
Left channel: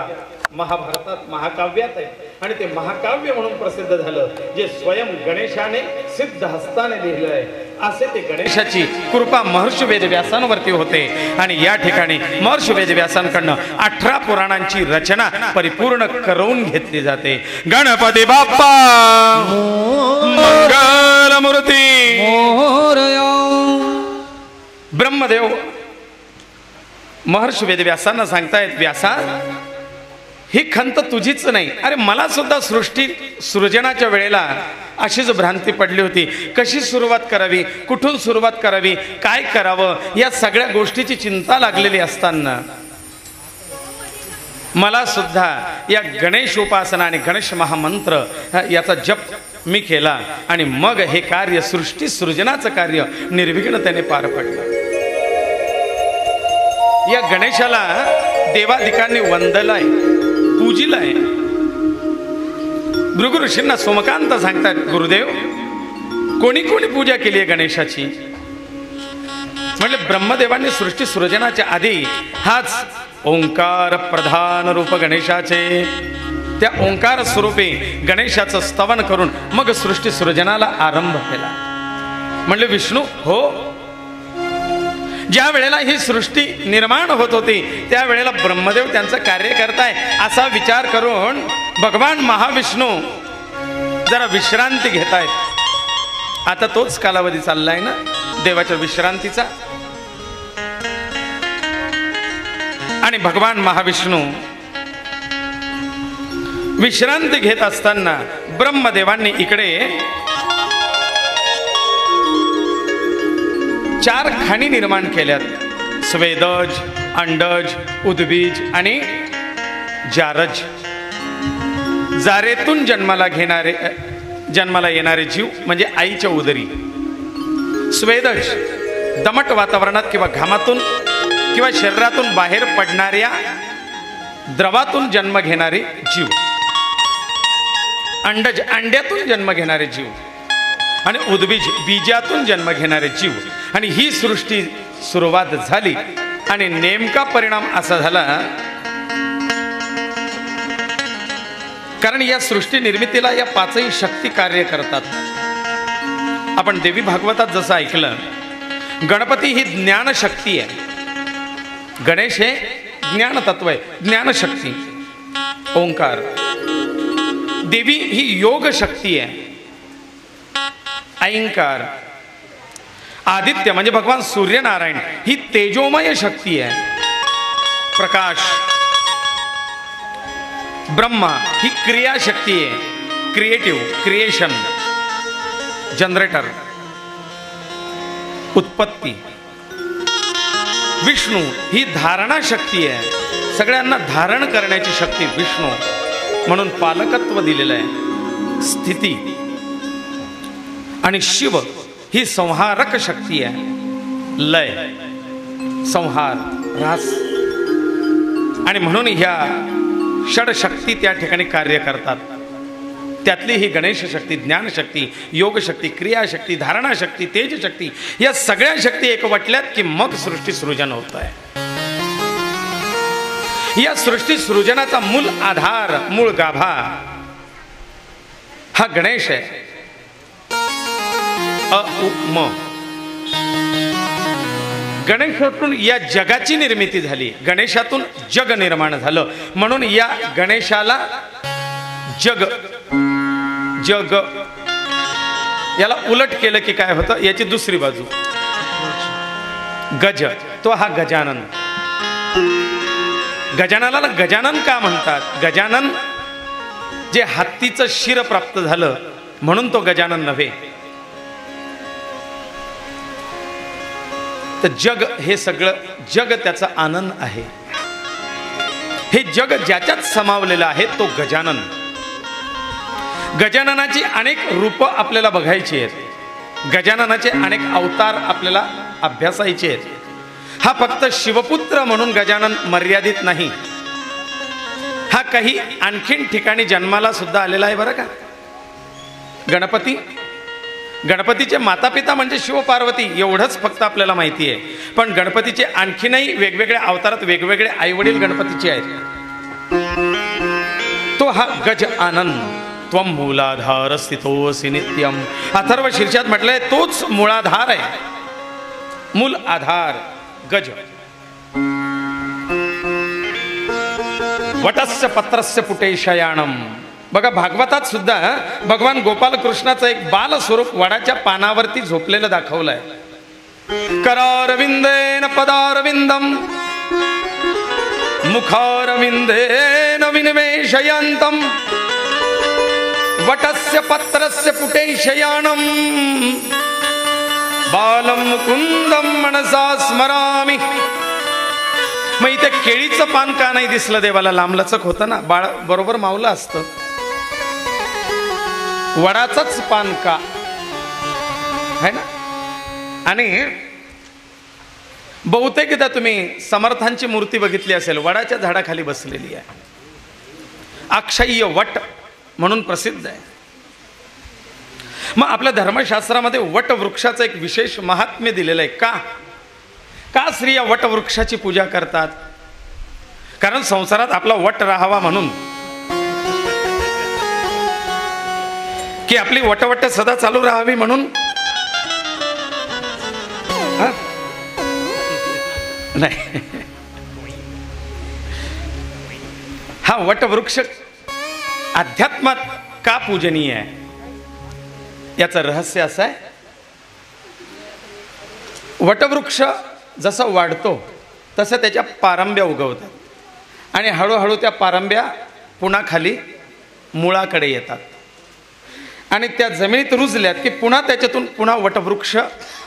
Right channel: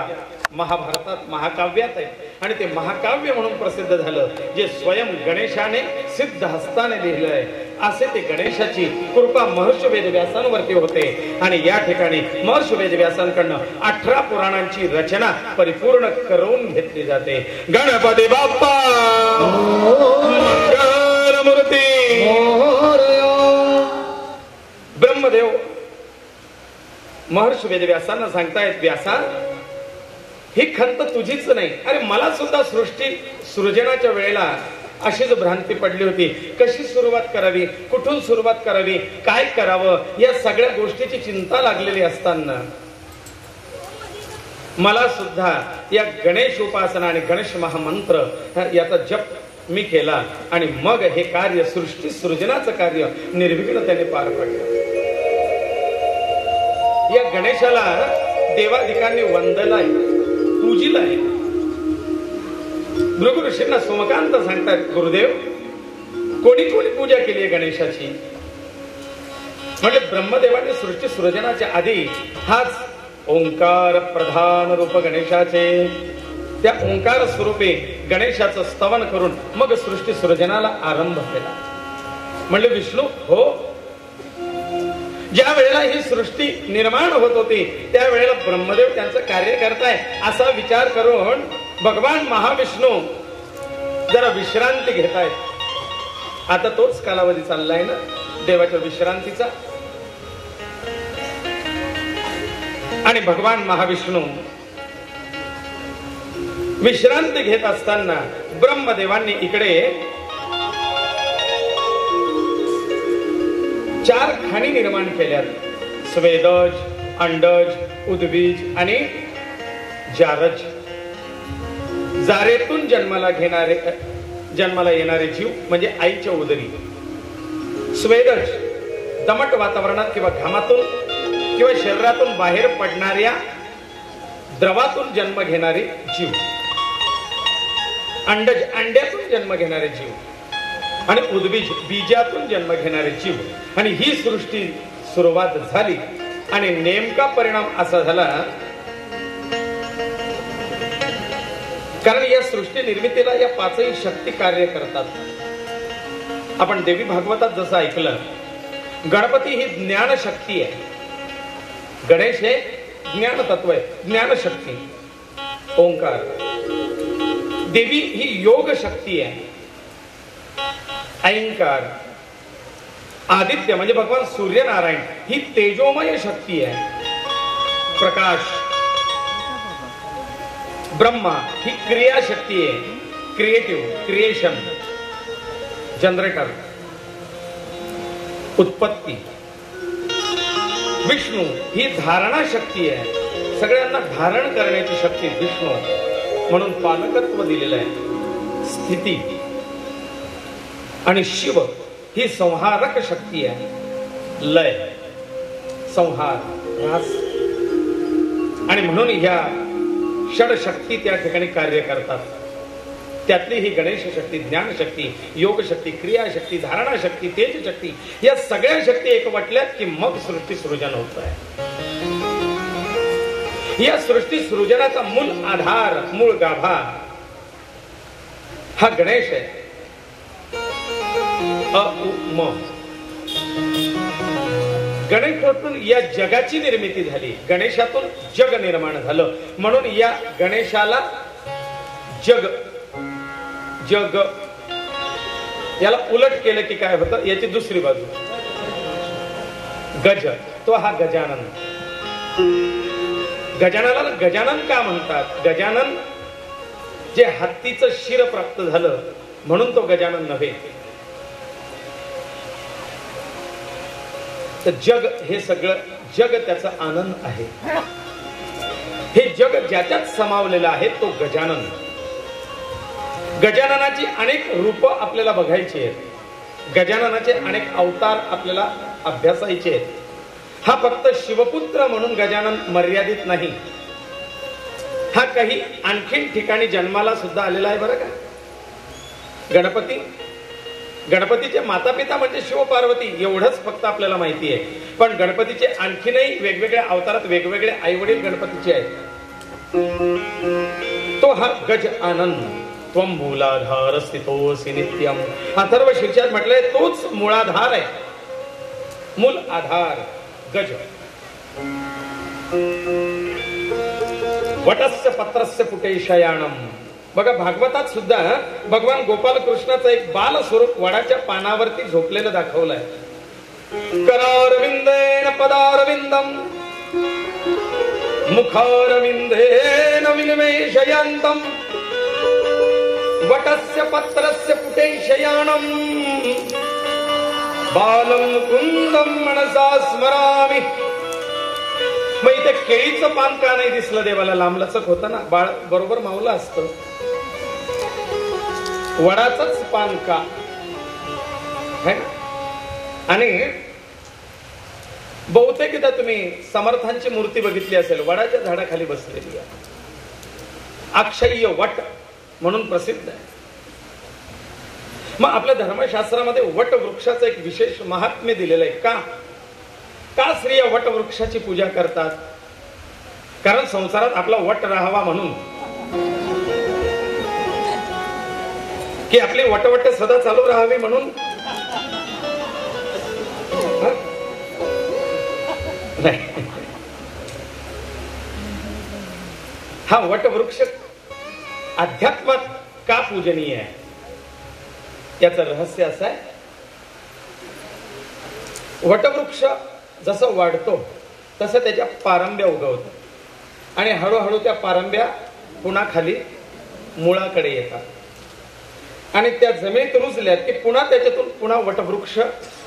महाभारतात महाकाव्यात आहे आणि ते महाकाव्य म्हणून प्रसिद्ध झालं जे स्वयं गणेशाने सिद्ध हस्ताने लिहिलंय. असे ते गणेशाची कृपा महर्षी वेदव्यासांवरती होते आणि या ठिकाणी महर्षी वेदव्यासांकडनं 18 पुराणांची रचना परिपूर्ण करून घेतली जाते. गणपती बाप्पा मंगलमूर्ती. ब्रह्मदेव महर्षी वेदव्यासांना सांगतायत, व्यासा ही खंत तुझीच नाही. अरे मला सुद्धा सृष्टी सृजनाच्या वेळेला अशीच भ्रांती पडली होती. कशी सुरुवात करावी, कुठून सुरुवात करावी, काय करावं या सगळ्या गोष्टीची चिंता लागलेली असताना मला सुद्धा या गणेश उपासना आणि गणेश महामंत्र याचा जप मी केला आणि मग हे कार्य सृष्टी सृजनाचं कार्य निर्विघ्नतेने पार पडलं. या गणेशाला देवाधिकांनी वंदलाय, पूजिलाय. भृगु ऋषींना सोमकांत सांगतात, गुरुदेव कोणी कोणी पूजा केली आहे गणेशाची? म्हणजे ब्रह्मदेवांनी सृष्टी सृजनाच्या आधी हाच ओंकार प्रधान रूप गणेशाचे, त्या ओंकार स्वरूपी गणेशाचं स्तवन करून मग सृष्टी सृजनाला आरंभ केला. म्हणले विष्णू हो, ज्या वेळेला ही सृष्टी निर्माण होत होती त्यावेळेला ब्रह्मदेव त्यांचं कार्य करताय असा विचार करून भगवान महाविष्णू जरा विश्रांती घेतायत. आता तोच कालावधी चाललाय ना देवाच्या विश्रांतीचा. आणि भगवान महाविष्णू विश्रांती घेत असताना ब्रह्मदेवांनी इकडे 4 खाणी निर्माण केल्यात. स्वेदज, अंडज, उद्बीज आणि जारज. जारेतून जन्माला येणारे जीव म्हणजे आईच्या उदरी. स्वेदज दमट वातावरणात किंवा घामातून किंवा शरीरातून बाहेर पडणाऱ्या द्रवातून जन्म घेणारे जीव. अंडज अंड्यातून जन्म घेणारे जीव. आणि उद्बीज बीजातून जन्म घेणारे जीव. आणि ही सृष्टी सुरुवात झाली आणि नेमका परिणाम असा झाला, कारण या सृष्टी निर्मितीला या 5ही शक्ती कार्य करतात. आपण देवी भागवतात जसं ऐकलं, गणपती ही ज्ञान शक्ती आहे, गणेश हे ज्ञान तत्व आहे, ज्ञान शक्ती. ओंकार देवी ही योग शक्ती आहे. ऐंकार आदित्य म्हणजे भगवान सूर्यनारायण ही तेजोमय शक्ती आहे, प्रकाश. ब्रह्मा ही क्रिया शक्ती आहे, क्रिएटिव्ह, क्रिएशन, जनरेटर, उत्पत्ती. विष्णू ही धारणा शक्ती आहे, सगळ्यांना धारण करण्याची शक्ती विष्णू, म्हणून पालकत्व दिलेलं आहे, स्थिती. आणि शिव ही संहारक शक्ती आहे, लय, संहार, ऱ्हास. आणि म्हणून ह्या षडशक्ती त्या ठिकाणी कार्य करतात. त्यातली ही गणेश शक्ती, ज्ञान शक्ती, योग शक्ती, क्रिया शक्ती, धारणा शक्ती, तेज शक्ती, या सगळ्या शक्ती एकवटल्यात की मग सृष्टी सृजन होत आहे. या सृष्टी सृजनाचा मूल आधार, मूळ गाभा हा गणेश आहे. अ-उ-म गणेशातून या जगाची निर्मिती झाली, गणेशातून जग निर्माण झालं. म्हणून या गणेशाला जग, जग याला उलट केलं की काय होतं, याची दुसरी बाजू गज, तो हा गजानन. गजाननाला गजानन का म्हणतात? गजानन जे हत्तीचं शिर प्राप्त झालं म्हणून तो गजानन नव्हे. तर जग हे सगळं जग त्याचा आनंद आहे. हे जग ज्याच्यात समावलेलं आहे तो गजानन. गजाननाची अनेक रूप आपल्याला बघायची आहेत, गजाननाचे अनेक अवतार आपल्याला अभ्यासायचे आहेत. हा फक्त शिवपुत्र म्हणून गजानन मर्यादित नाही, हा काही आणखीन ठिकाणी जन्माला सुद्धा आलेला आहे बरं का. गणपती, गणपतीचे माता पिता म्हणजे शिव पार्वती एवढंच फक्त आपल्याला माहिती आहे. पण गणपतीचे आणखीनही वेगवेगळ्या अवतारात वेगवेगळे आई वडील गणपतीचे आहेत. तो हा गज आनंद. त्वं मूलाधार स्थितोऽसि नित्यम. अथर्व शीर्षात म्हटलंय तोच मूळाधार आहे, मूल आधार गज. वटस्य पत्रस्य पुटे शयानम. बघा भागवतात सुद्धा भगवान गोपाल कृष्णाचं एक बाल स्वरूप वडाच्या पानावरती झोपलेलं दाखवलंय. करारविंदेन पदारविंदम मुखारविंदेन विनिवेशयन्तम वटस्य पत्रस्य पुटे शयानम बालम मुकुंदम मनसा स्मरामि. मग इथे केळीचं पान का नाही दिसलं देवाला? लांबलचक होतं ना, बाळ बरोबर मावलं असतं. वडाचंच पान का है ना? आणि बहुतेकदा तुम्ही समर्थांची मूर्ती बघितली असेल, वडाच्या झाडाखाली बसलेली आहे. अक्षय्य वट म्हणून प्रसिद्ध आहे. मग आपल्या धर्मशास्त्रामध्ये वटवृक्षाचं एक विशेष महात्म्य दिलेलं आहे. का स्त्रिया वटवृक्षाची पूजा करतात? कारण संसारात आपला वट राहावा म्हणून, की आपली वटवट सदा चालू राहावी म्हणून. नाही, हा वटवृक्ष अध्यात्मात का पूजनीय आहे याचं रहस्य असं आहे. वटवृक्ष जसं वाढतो तसं त्याच्या पारंब्या उगवतात आणि हळूहळू त्या पारंब्या पुन्हा खाली मुळाकडे येतात आणि त्या जमिनीत रुजल्या की पुन्हा त्याच्यातून पुन्हा वटवृक्ष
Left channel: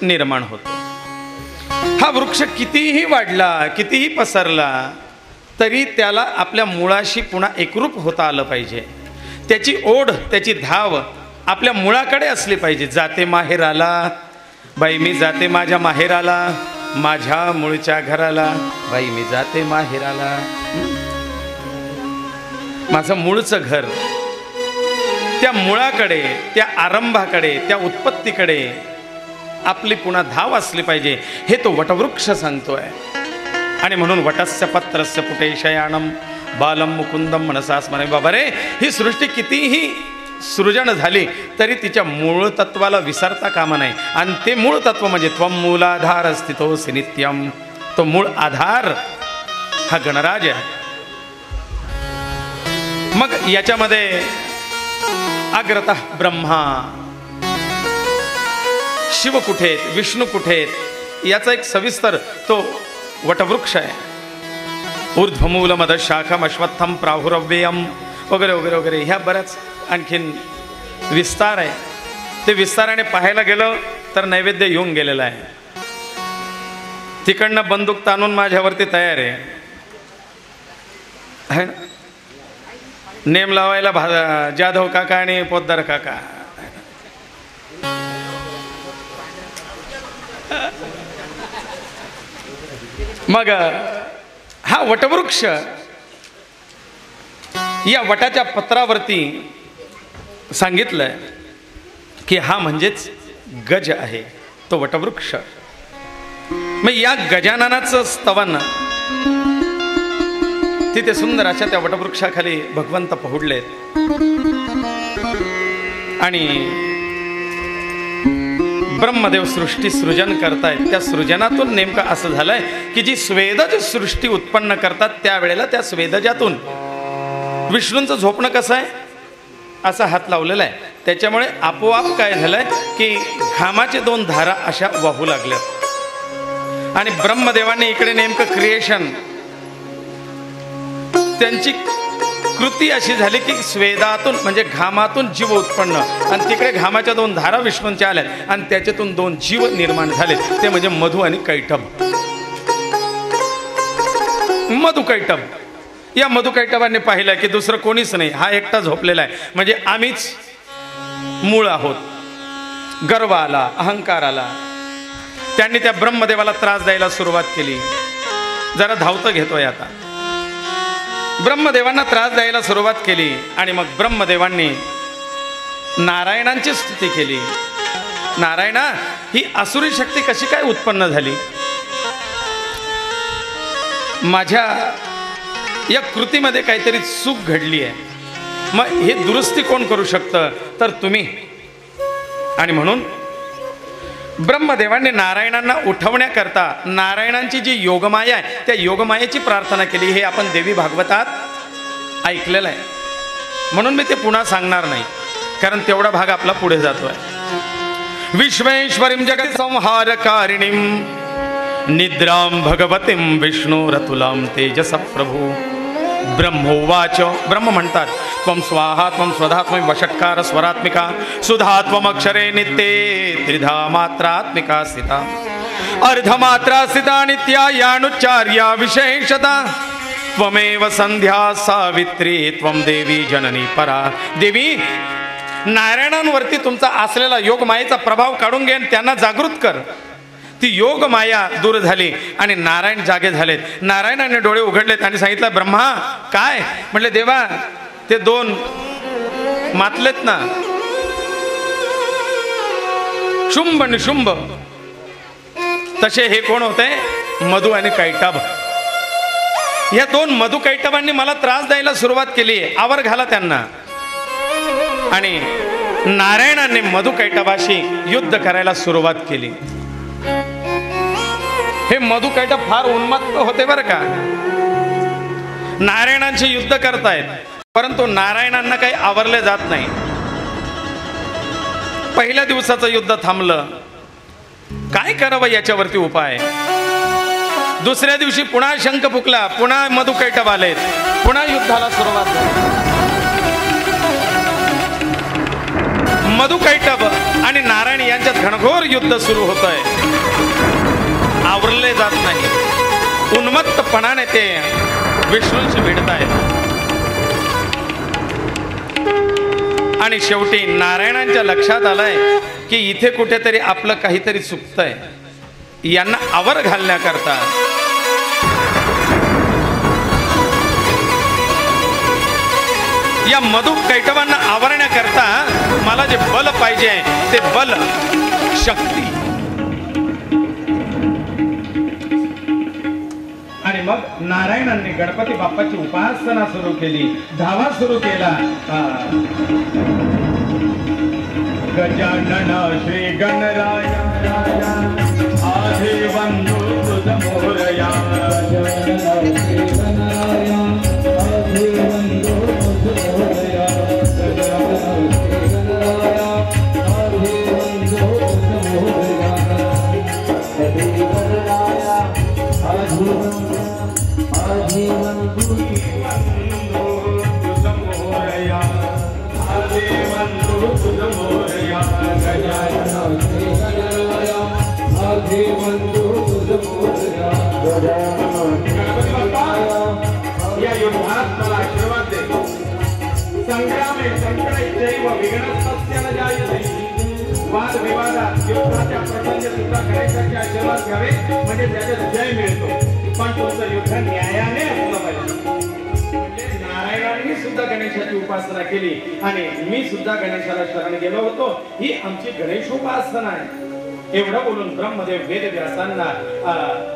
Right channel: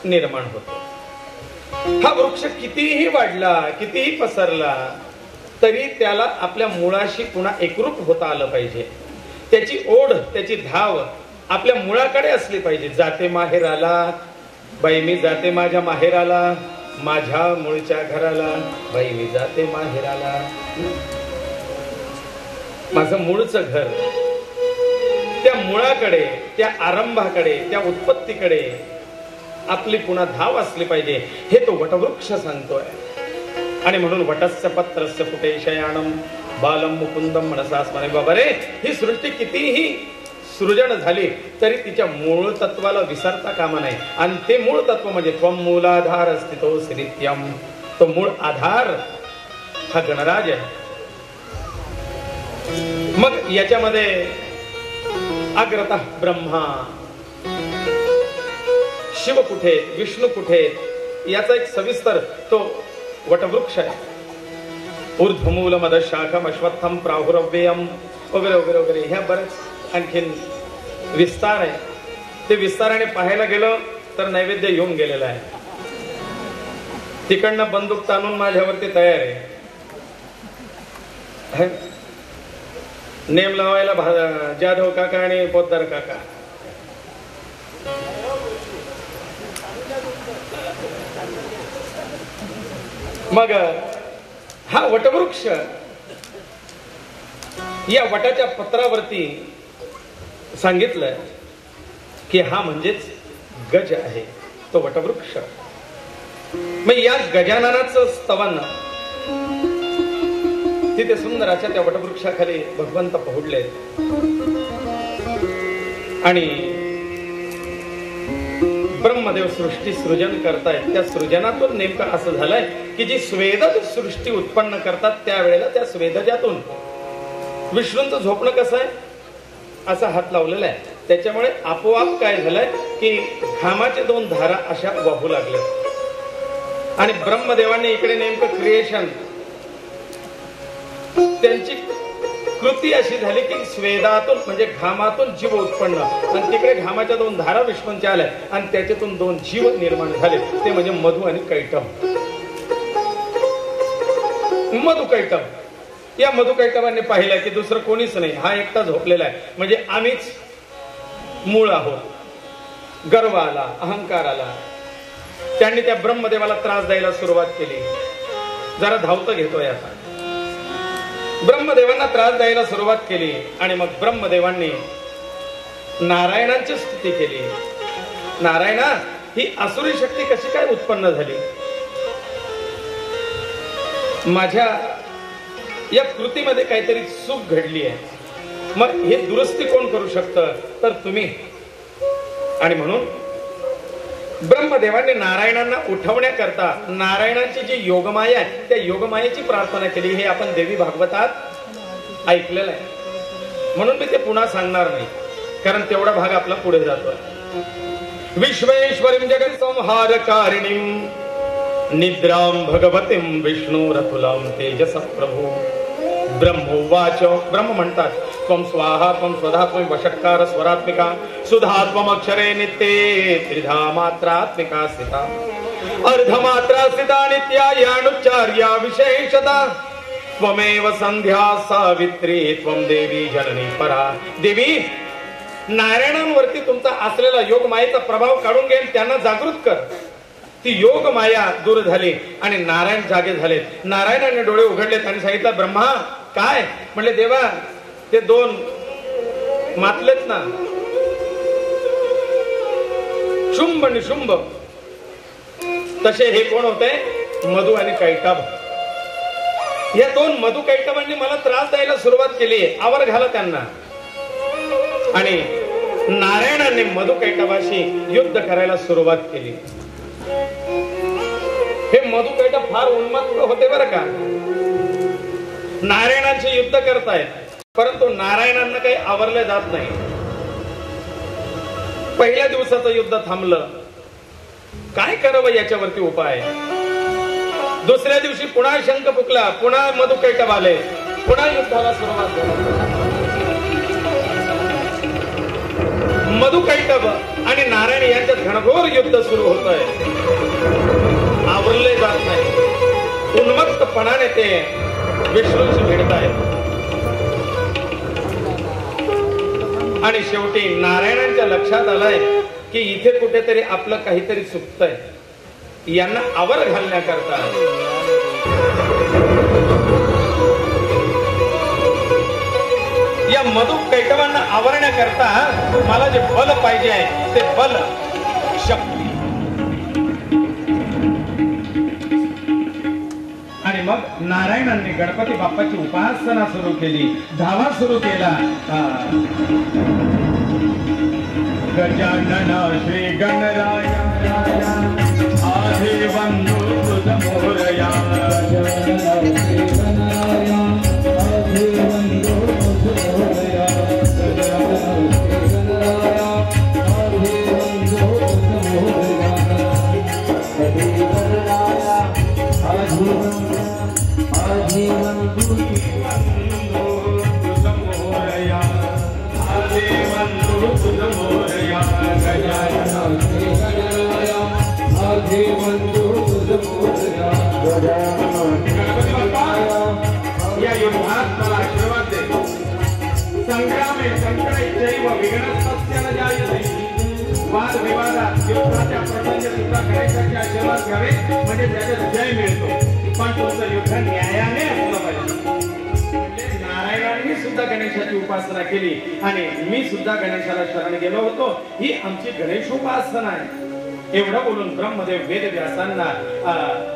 निर्माण होतो. हा वृक्ष कितीही वाढला, कितीही पसरला, तरी त्याला आपल्या मुळाशी पुन्हा एकरूप होता आलं पाहिजे. त्याची ओढ, त्याची धाव आपल्या मुळाकडे असली पाहिजे. जाते माहेराला बाई मी जाते माझ्या माहेराला, माझ्या मूळच्या घराला बाई मी जाते माहेराला. माझं मूळचं घर, त्या मुळाकडे, त्या आरंभाकडे, त्या उत्पत्तीकडे आपली पुन्हा धाव असली पाहिजे, हे तो वटवृक्ष सांगतोय. आणि म्हणून वटस्य पत्रस्य पुटे शयानम बालम मुकुंदम मनसा स्मरे. बाबा रे, ही सृष्टी कितीही सृजन झाली तरी तिच्या मूळ तत्वाला विसरता कामा नाही. आणि ते मूळ तत्व म्हणजे त्वम मूलाधार अस्तितोऽसि नित्यम. तो मूळ आधार हा गणराज आहे. मग याच्यामध्ये अग्रतः ब्रह्मा, शिव कुठे, विष्णू कुठे, याचा एक सविस्तर तो वटवृक्ष आहे. ऊर्ध्वमूल मद शाखम अश्वत्थम प्राहुरव्ययम वगैरे वगैरे वगैरे, ह्या बऱ्याच आणखीन विस्तार आहे. ते विस्ताराने पाहायला गेलं तर नैवेद्य येऊन गेलेला आहे. तिकडनं बंदूक ताणून माझ्यावरती तयार आहे. नेम लावायला जाधव काका आणि पोद्दार काका. मग हा वटवृक्ष, या वटाच्या पत्रावरती सांगितलंय की हा म्हणजेच गज आहे, तो वटवृक्ष. मग या गजाननाचं स्तवन तिथे सुंदर अशा त्या वटवृक्षाखाली भगवंत पहुडलेत. आणि ब्रह्मदेव सृष्टी सृजन करतायत. त्या सृजनातून नेमकं असं झालंय की जी स्वेदज सृष्टी उत्पन्न करतात त्यावेळेला त्या स्वेदजातून विष्णूंचं झोपणं कसं आहे, असा हात लावलेला आहे. त्याच्यामुळे आपोआप काय झालंय की घामाचे दोन धारा अशा वाहू लागल्या. आणि ब्रह्मदेवाने इकडे नेमकं क्रिएशन, त्यांची कृती अशी झाली की स्वेदातून म्हणजे घामातून जीव उत्पन्न, आणि तिकडे घामाच्या दोन धारा विष्णूंच्या आल्या आणि त्याच्यातून दोन जीव निर्माण झाले. ते म्हणजे मधु आणि कैटभ. मधु कैटभ, या मधु कैटभाने पाहिलं की दुसरं कोणीच नाही, हा एकटा झोपलेला आहे. म्हणजे आम्हीच मूळ आहोत. गर्व आला, अहंकार आला. त्यांनी त्या ब्रह्मदेवाला त्रास द्यायला सुरुवात केली. जरा धावतं घेतोय आता. ब्रह्मदेवांना त्रास द्यायला सुरुवात केली आणि मग ब्रह्मदेवांनी नारायणांची स्तुती केली. नारायणा, ही आसुरी शक्ती कशी काय उत्पन्न झाली? माझ्या या कृतीमध्ये काहीतरी चूक घडली आहे. मग हे दुरुस्ती कोण करू शकतं? तर तुम्ही. आणि म्हणून ब्रह्मदेवांनी नारायणांना उठवण्याकरता नारायणांची जी योगमाया आहे त्या योगमायेची प्रार्थना केली. हे आपण देवी भागवतात ऐकलेलं आहे, म्हणून मी ते पुन्हा सांगणार नाही, कारण तेवढा भाग आपला पुढे जातोय. विश्वेश्वरीं जगत संहारकारिणीं निद्रां भगवतीं विष्णुरतुलां तेजस प्रभू. ब्रह्मोवाच, ब्रह्म म्हणतात त्वं स्वाहा त्वं स्वधा त्वं वषट्कार स्वरात्मिका सुधा त्वं अक्षरे नित्ये त्रिधा मात्रात्मिका स्थिता अर्धमात्रा स्थिता नित्या यानुच्चार्या विशेषता त्वमेव संध्या सावित्री त्वं देवी जननी परा. देवी, नारायणांवरती तुमचा असलेला योग मायेचा प्रभाव काढून घे, त्यांना जागृत कर. ती योग माया दूर झाली आणि नारायण जागे झालेत. नारायणाने डोळे उघडलेत आणि सांगितलं, ब्रह्मा काय? म्हटले, देवा, ते दोन मातलेत ना शुंभ आणि शुंभ, तसे हे कोण होते? मधु आणि कैटभ. या दोन मधु कैटभांनी मला त्रास द्यायला सुरुवात केली. आवर घाला त्यांना. आणि नारायणाने मधु कैटभाशी युद्ध करायला सुरुवात केली. हे मधु कैटभ फार उन्मत्त होते बरं का. नारायणाचे युद्ध करतायत, परंतु नारायणांना काही आवरले जात नाही. पहिल्या दिवसाचं युद्ध थांबलं. काय करावं याच्यावरती उपाय? दुसऱ्या दिवशी पुन्हा शंख फुकला, पुन्हा मधु कैटभ आले, पुन्हा युद्धाला सुरुवात झाली. मधु कैटभ आणि नारायण यांच्यात घनघोर युद्ध सुरू होतंय. आवरले जात नाही. उन्मत्तपणाने ते विष्णूंशी भिडत आहेत. आणि शेवटी नारायणांच्या लक्षात आलंय की इथे कुठेतरी आपलं काहीतरी चुकतंय. यांना आवर घालण्याकरता या मधु कैटभांना आवरण्याकरता मला जे बल पाहिजे ते बल, शक्ती. आणि मग नारायणांनी गणपती बाप्पाची उपासना सुरू केली. धावा सुरू केला. गजानन श्री गणराय आधी बंधू तुझ मोरया. गजानन श्री गणराय आधी बंधू तुझ मोरया. गजानन श्री गणराय आधी बंधू तुझ मोरया. श्री गणराय आधी बंधू तुझ मोरया. आधी बंधू तुझ मोरया. गजानन श्री गणराय आधी बंधू तुझ मोरया. गणपती बाप्पा या युद्धात मला आशीर्वाद दे. संग्रामे संकटे चैव विघ्नस्तस्य न जायते. वाद विवादात युद्धाच्या प्रसंगी सुद्धा गणेशाचे आशीर्वाद घ्यावे, म्हणजे त्याच्यात जय मिळतो. पण तुमचं युद्ध न्यायाने असलं पाहिजे. म्हणजे नारायणांनी सुद्धा गणेशाची उपासना केली आणि मी सुद्धा गणेशाला शरण गेलो होतो. ही आमची गणेशोपासना आहे. एवढं बोलून ब्रह्मदेव वेदव्यासांना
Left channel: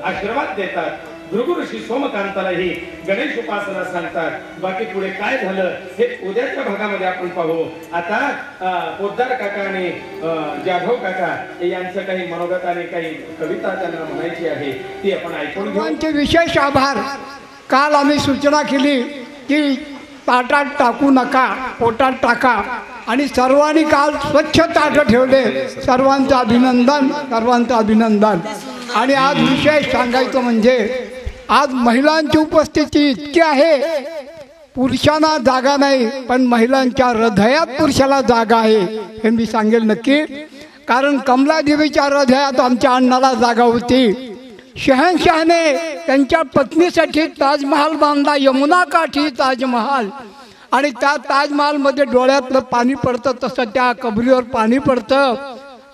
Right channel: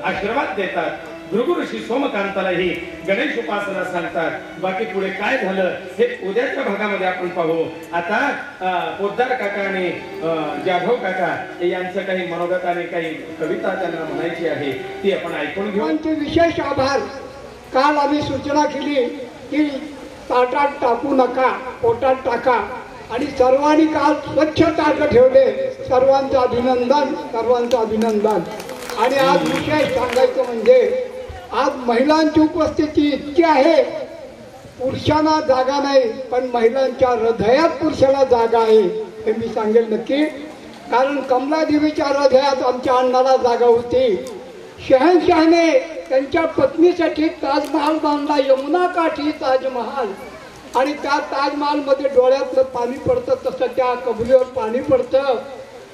आशीर्वाद देतात. भृगु ऋषी सोमकांतालाही गणेश उपासना सांगतात. बाकी पुढे काय झालं हे उद्याच्या भागामध्ये आपण पाहू. आता पोद्दार काका आणि जाधव काका यांचं काही मनोगत आणि काही कविता त्यांना म्हणायची आहे, ती आपण ऐकून घेऊ. विशेष आभार. काल आम्ही सूचना केली की ताटात टाकू नका, पोटात टाका, आणि सर्वांनी काल स्वच्छ ताट ठेवले. सर्वांचं अभिनंदन, सर्वांचं अभिनंदन. आणि आज विशेष सांगायचं म्हणजे आज महिलांची उपस्थिती इतकी आहे. पुरुषांना जागा नाही, पण महिलांच्या हृदयात पुरुषाला जागा आहे हे मी सांगेल नक्की. कारण कमलादेवीच्या हृदयात आमच्या अण्णाला जागा होती. शहनशहाने त्यांच्या पत्नीसाठी ताजमहाल बांधला, यमुना काठी ताजमहाल. आणि त्या ताजमहालमध्ये डोळ्यातलं पाणी पडतं तसं त्या कबरीवर पाणी पडतं.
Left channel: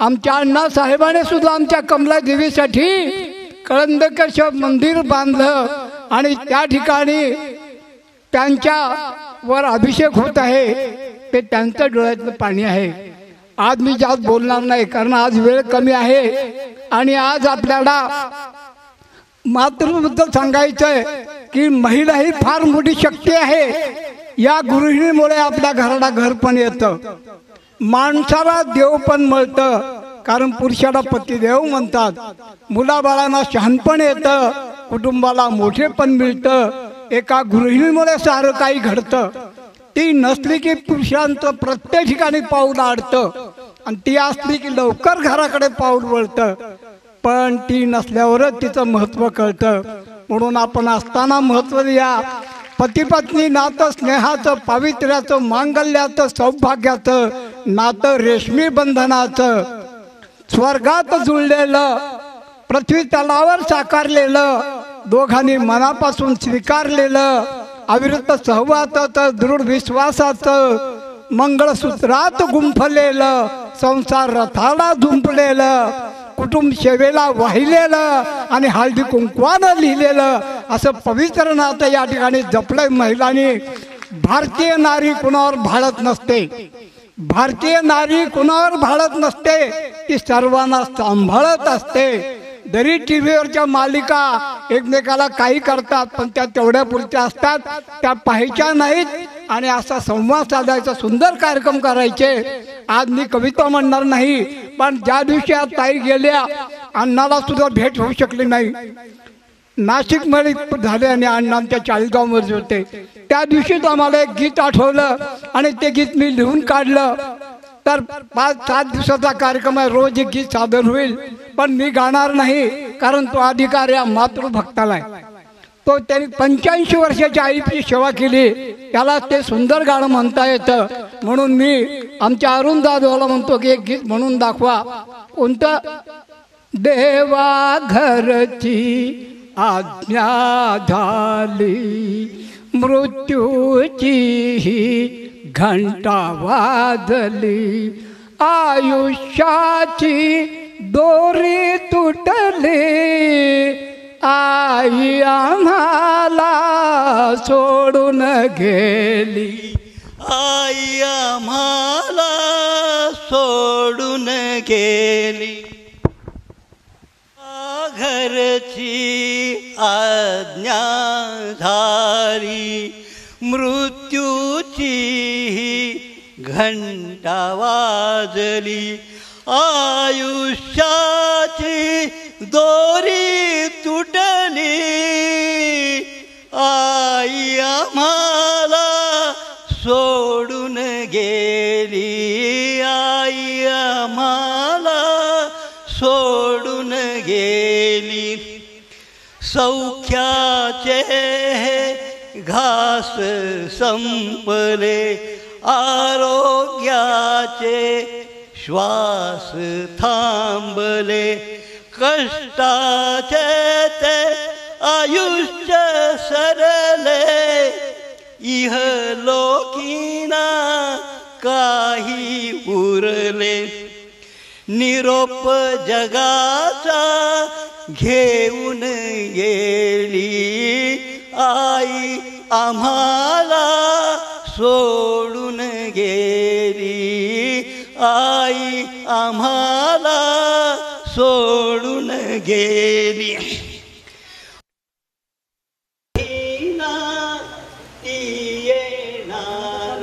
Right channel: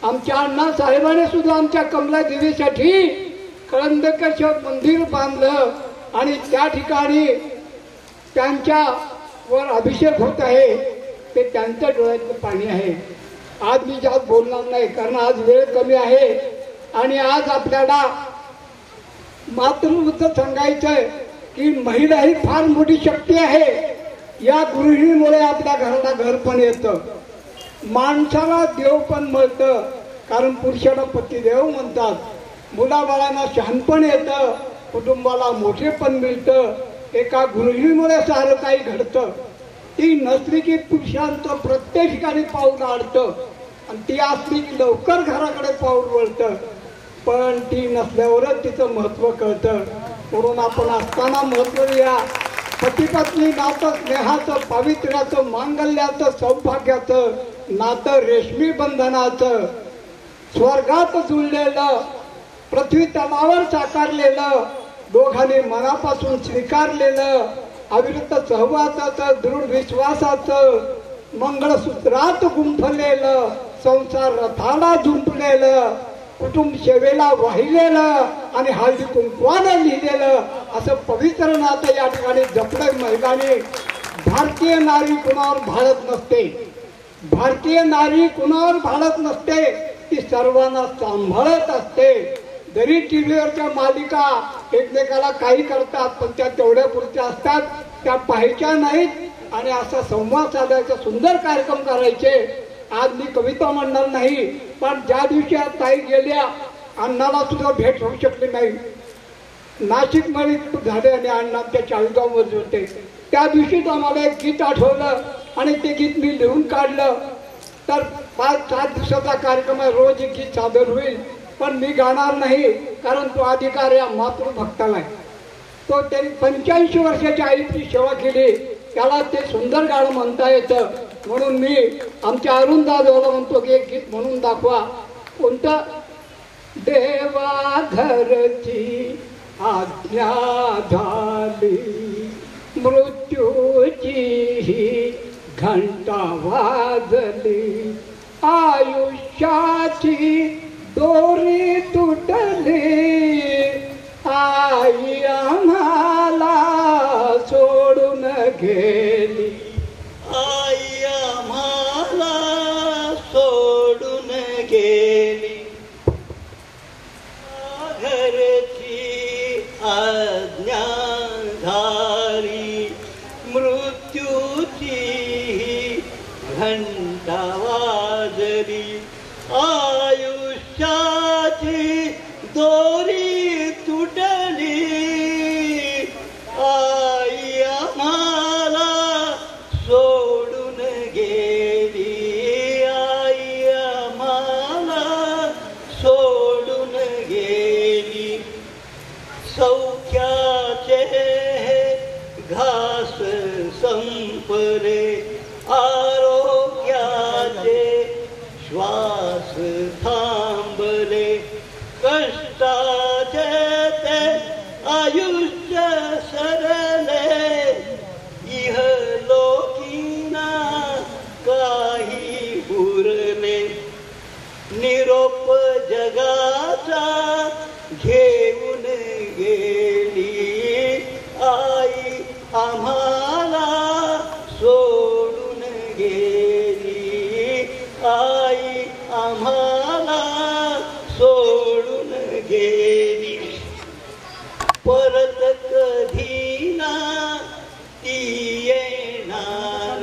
आमच्या अण्णासाहेबाने सुद्धा आमच्या कमलादेवीसाठी कळंबकेश्वर मंदिर बांधलं आणि त्या ठिकाणी त्यांच्यावर अभिषेक होत आहे. ते त्यांचं डोळ्यातलं पाणी आहे. आज मी जास्त बोलणार नाही कारण आज वेळ कमी आहे. आणि आज आपल्याला मातृबद्दल सांगायचं आहे की महिला ही फार मोठी शक्ती आहे. या गृहिणीमुळे आपल्या घराला घर पण येतं, माणसाला देव पण मिळतं. कारण पुरुषाला पतिदेव म्हणतात. मुलाबाळांना शहाणपण येतं, कुटुंबाला मोठेपण मिळतं. एका गृहिणीमुळे सारं काही घडतं. ती नसली की पुरुषांचं प्रत्येक ठिकाणी पाऊल अडतं आणि ती असली की लवकर घराकडे पाऊल वळतं. पण ती नसल्यावरच तिचं महत्त्व कळतं. म्हणून आपण असताना महत्त्व द्या. पतिपत्नी नातं स्नेहाचं, पावित्र्याचं, मांगल्याचं, सौभाग्याचं नातं, रेशमी बंधनाचं, स्वर्गात जुळलेलं, पृथ्वी तलावर साकारलेलं, दोघांनी मनापासून स्वीकारलेलं, अविरत सहवासाचं, दृढ विश्वासाचं, मंगळसूत्रात गुंफलेलं, संसार रथाला झुंपलेलं, कुटुंब सेवेला वाहिलेलं आणि हळदी कुंकवानं लिहिलेलं असं पवित्र नातं या ठिकाणी जपलं महिलांनी. भारतीय नारी कुणावर भाळत नसते. भारतीय नारी कुणावर भाळत नसते, ती सर्वांना सांभाळत असते. जरी टी व्हीवरच्या मालिका एकमेकाला काही करतात पण त्या तेवढ्या पुरत्या असतात, त्या पाहायच्या नाहीत आणि असा संवाद साधायचा, सुंदर कार्यक्रम करायचे. आज मी कविता म्हणणार नाही, पण ज्या दिवशी आज ताई गेल्या, अण्णाला सुद्धा भेट होऊ शकली नाही. नाशिकमध्ये झाले आणि अण्णा आमच्या चाळीसगावमध्ये होते. त्या दिवशीच आम्हाला एक गीत आठवलं आणि ते गीत मी लिहून काढलं. तर 5-7 दिवसाचा कार्यक्रम आहे, रोज एक गीत सादर होईल, पण मी गाणार नाही, कारण तो अधिकार या मातृभक्ताला आहे. तो त्यांनी 85 वर्षाच्या आईची सेवा केली, त्याला ते सुंदर गाणं म्हणता येतं. म्हणून मी आमच्या अरुण दादाला म्हणतो की एक गीत म्हणून दाखवा. कोणतं? देवा घरची आज्ञा झाली, मृत्यूची घंटा वाजली, आयुष्याची दोरी तुटली, आई आम्हाला सोडून गेली, आई आम्हाला सोडून गेली. घरची आज्ञा झाली, मृत्यूची घंटा वाजली, आयुष्याची दोरी तुटली, आई आम्हाला सोडून गेली, आई आम्हाला सोडून गेली. सौख्याचे घास संपले, आरोग्याचे श्वास थांबले, कष्टाचे ते आयुष्य सरले, इहलोकीना काही उरले. निरोप जगाचा घेऊन गेली, आई आम्हाला सोडून गेली, आई आम्हाला सोडून गेली. परत कधी ना ती येणार,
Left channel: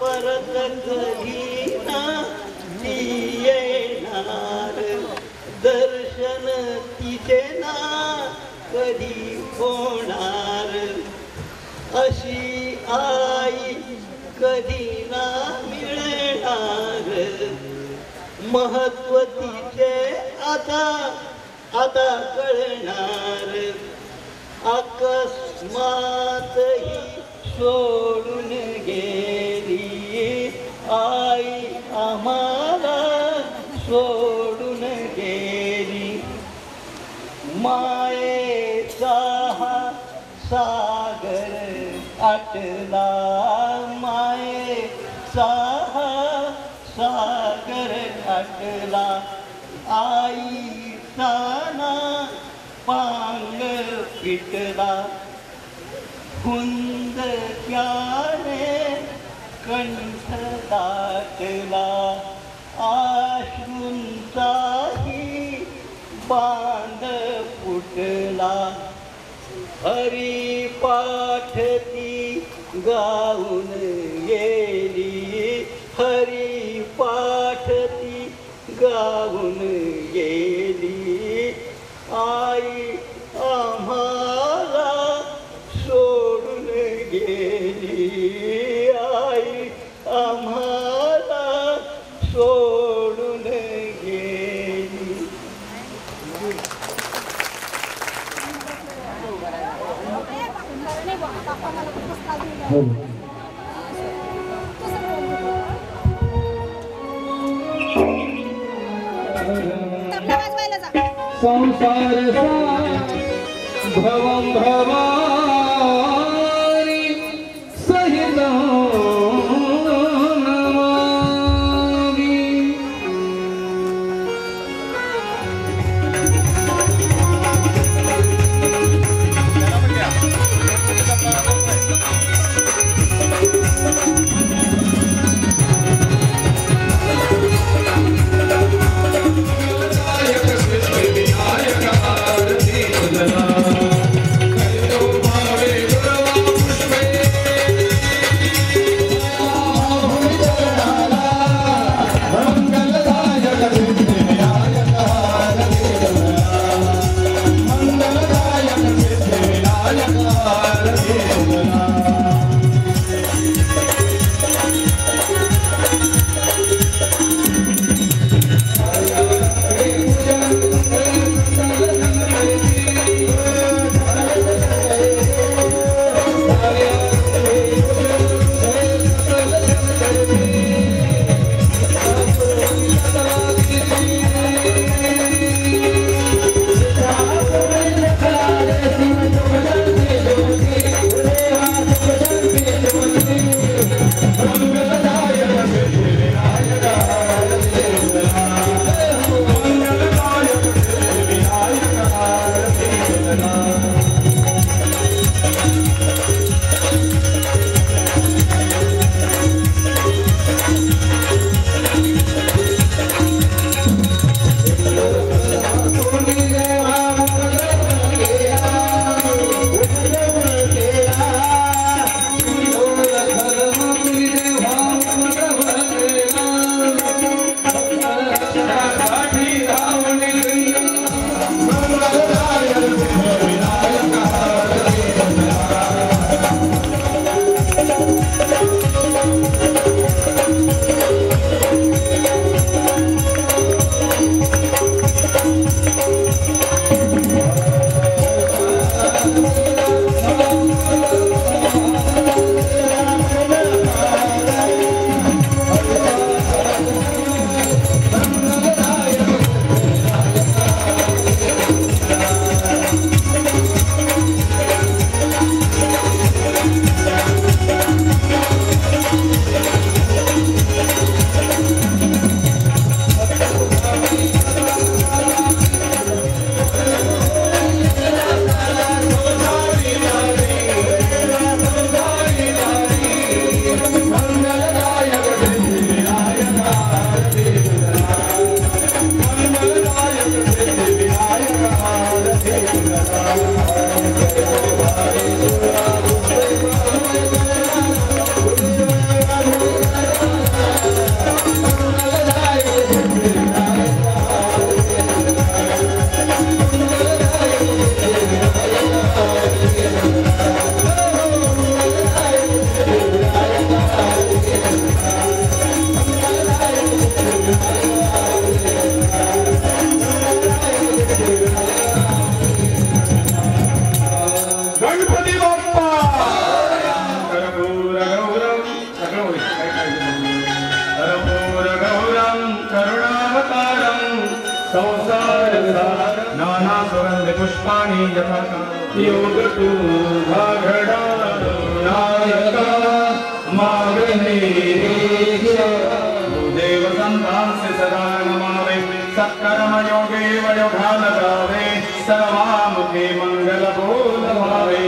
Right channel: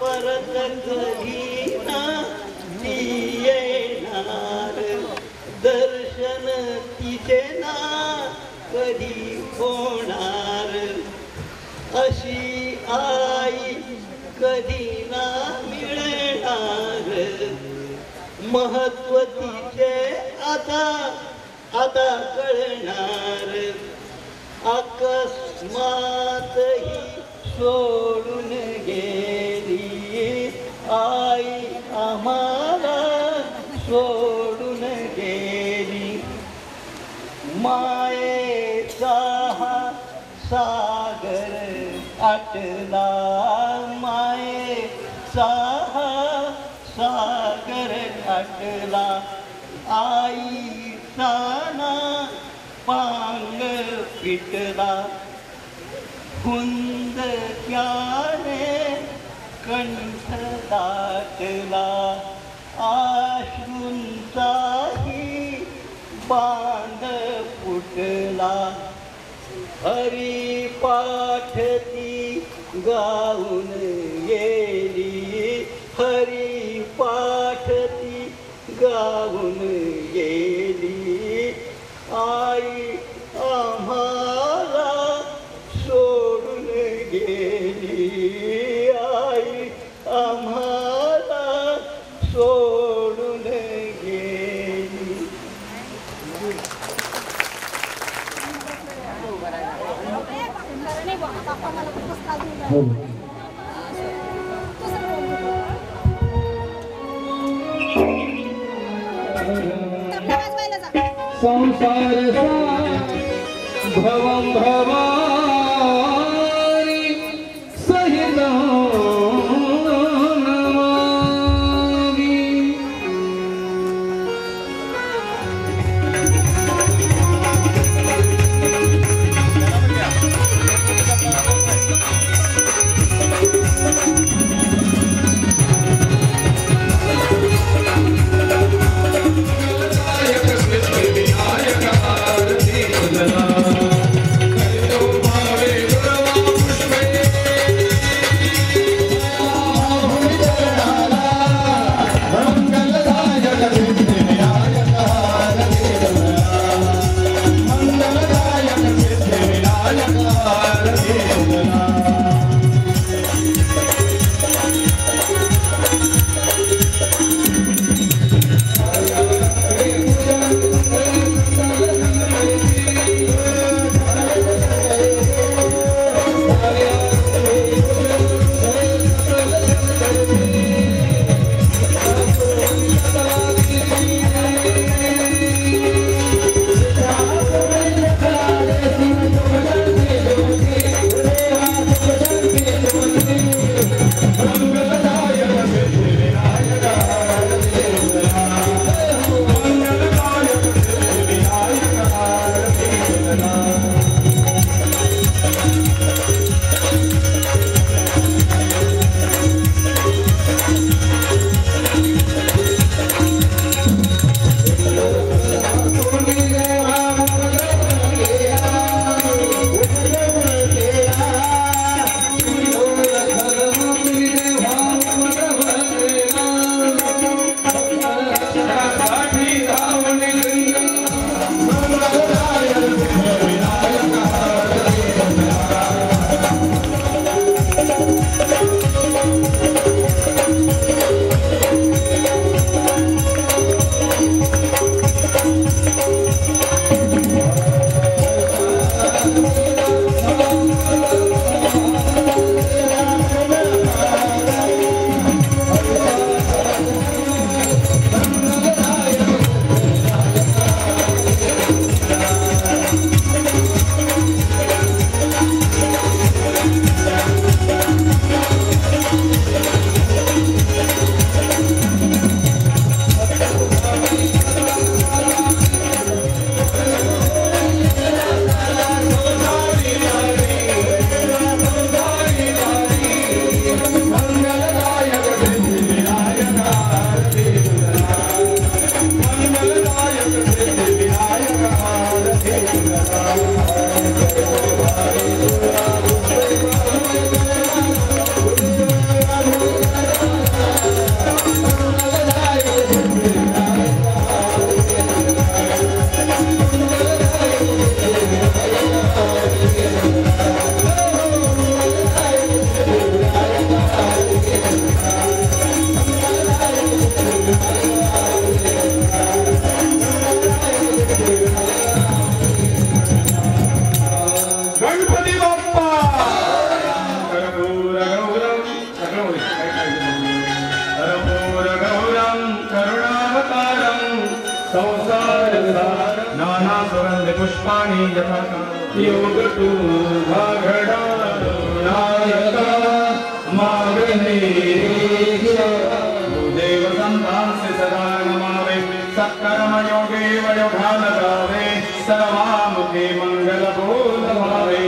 परत कधी ना ती येणार, दर्शन तिचे ना कधी होणार, अशी आई कधी ना मिळणार. महत्व तिचे आता कळणार, अकस्मात ही सोडून गेली, आई आम्हाला सोडून गेली. मायेचा सागर आटला, मायेचा सागर आटला, आईचा ना पांग पिटला, हुंदक्याने कंठ दाटला, आश्रूंचाही बांध फुटला. हरिपाठ ती गाऊन गेली, हरिपाठ ती गाऊन गेली, आई आम्हाला सोडून गेली, आई आम्हाला सोडून गेली. हो. संसार भवं भवानी सहितं नमामि. संसारसार नाना सुगंध पुष्पाणि यथा योग तू घड़ा नायका देव संतांसे सदा नमावे सत्कर्म योगे वयोधान गावे सर्वामुखे मंगल बोध भावे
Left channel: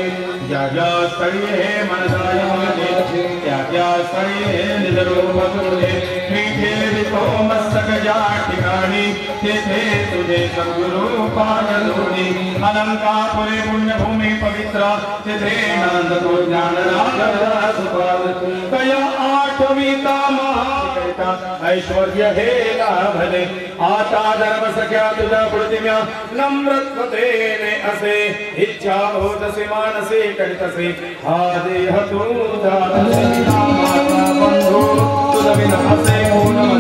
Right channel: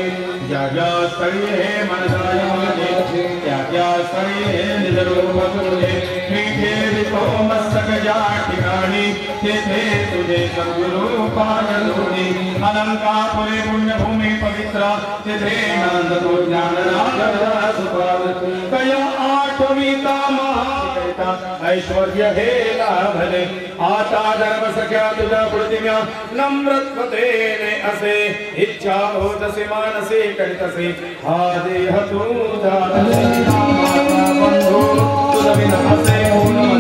क्या क्या स्थळी हे मनसाय माझे क्या क्या स्थळी हे निज रूप तुझे मीठे विको मस्तक या ठिकाणी तेथे तुझे सद्गुरु पाजलोनी अलंकापुरी पुण्यभूमी पवित्र तेथे नंद तो ज्ञानराज सुपाल कया आठविता महाकरिता ऐश्वर्य हे लाभले आता धर्म सख्या तुझ्या प्रतिम्या नम्रत्वतेने असे इच्छा होतसे मानसे करितसे हा देह तुझा बंधू तुझ विना असे होऊन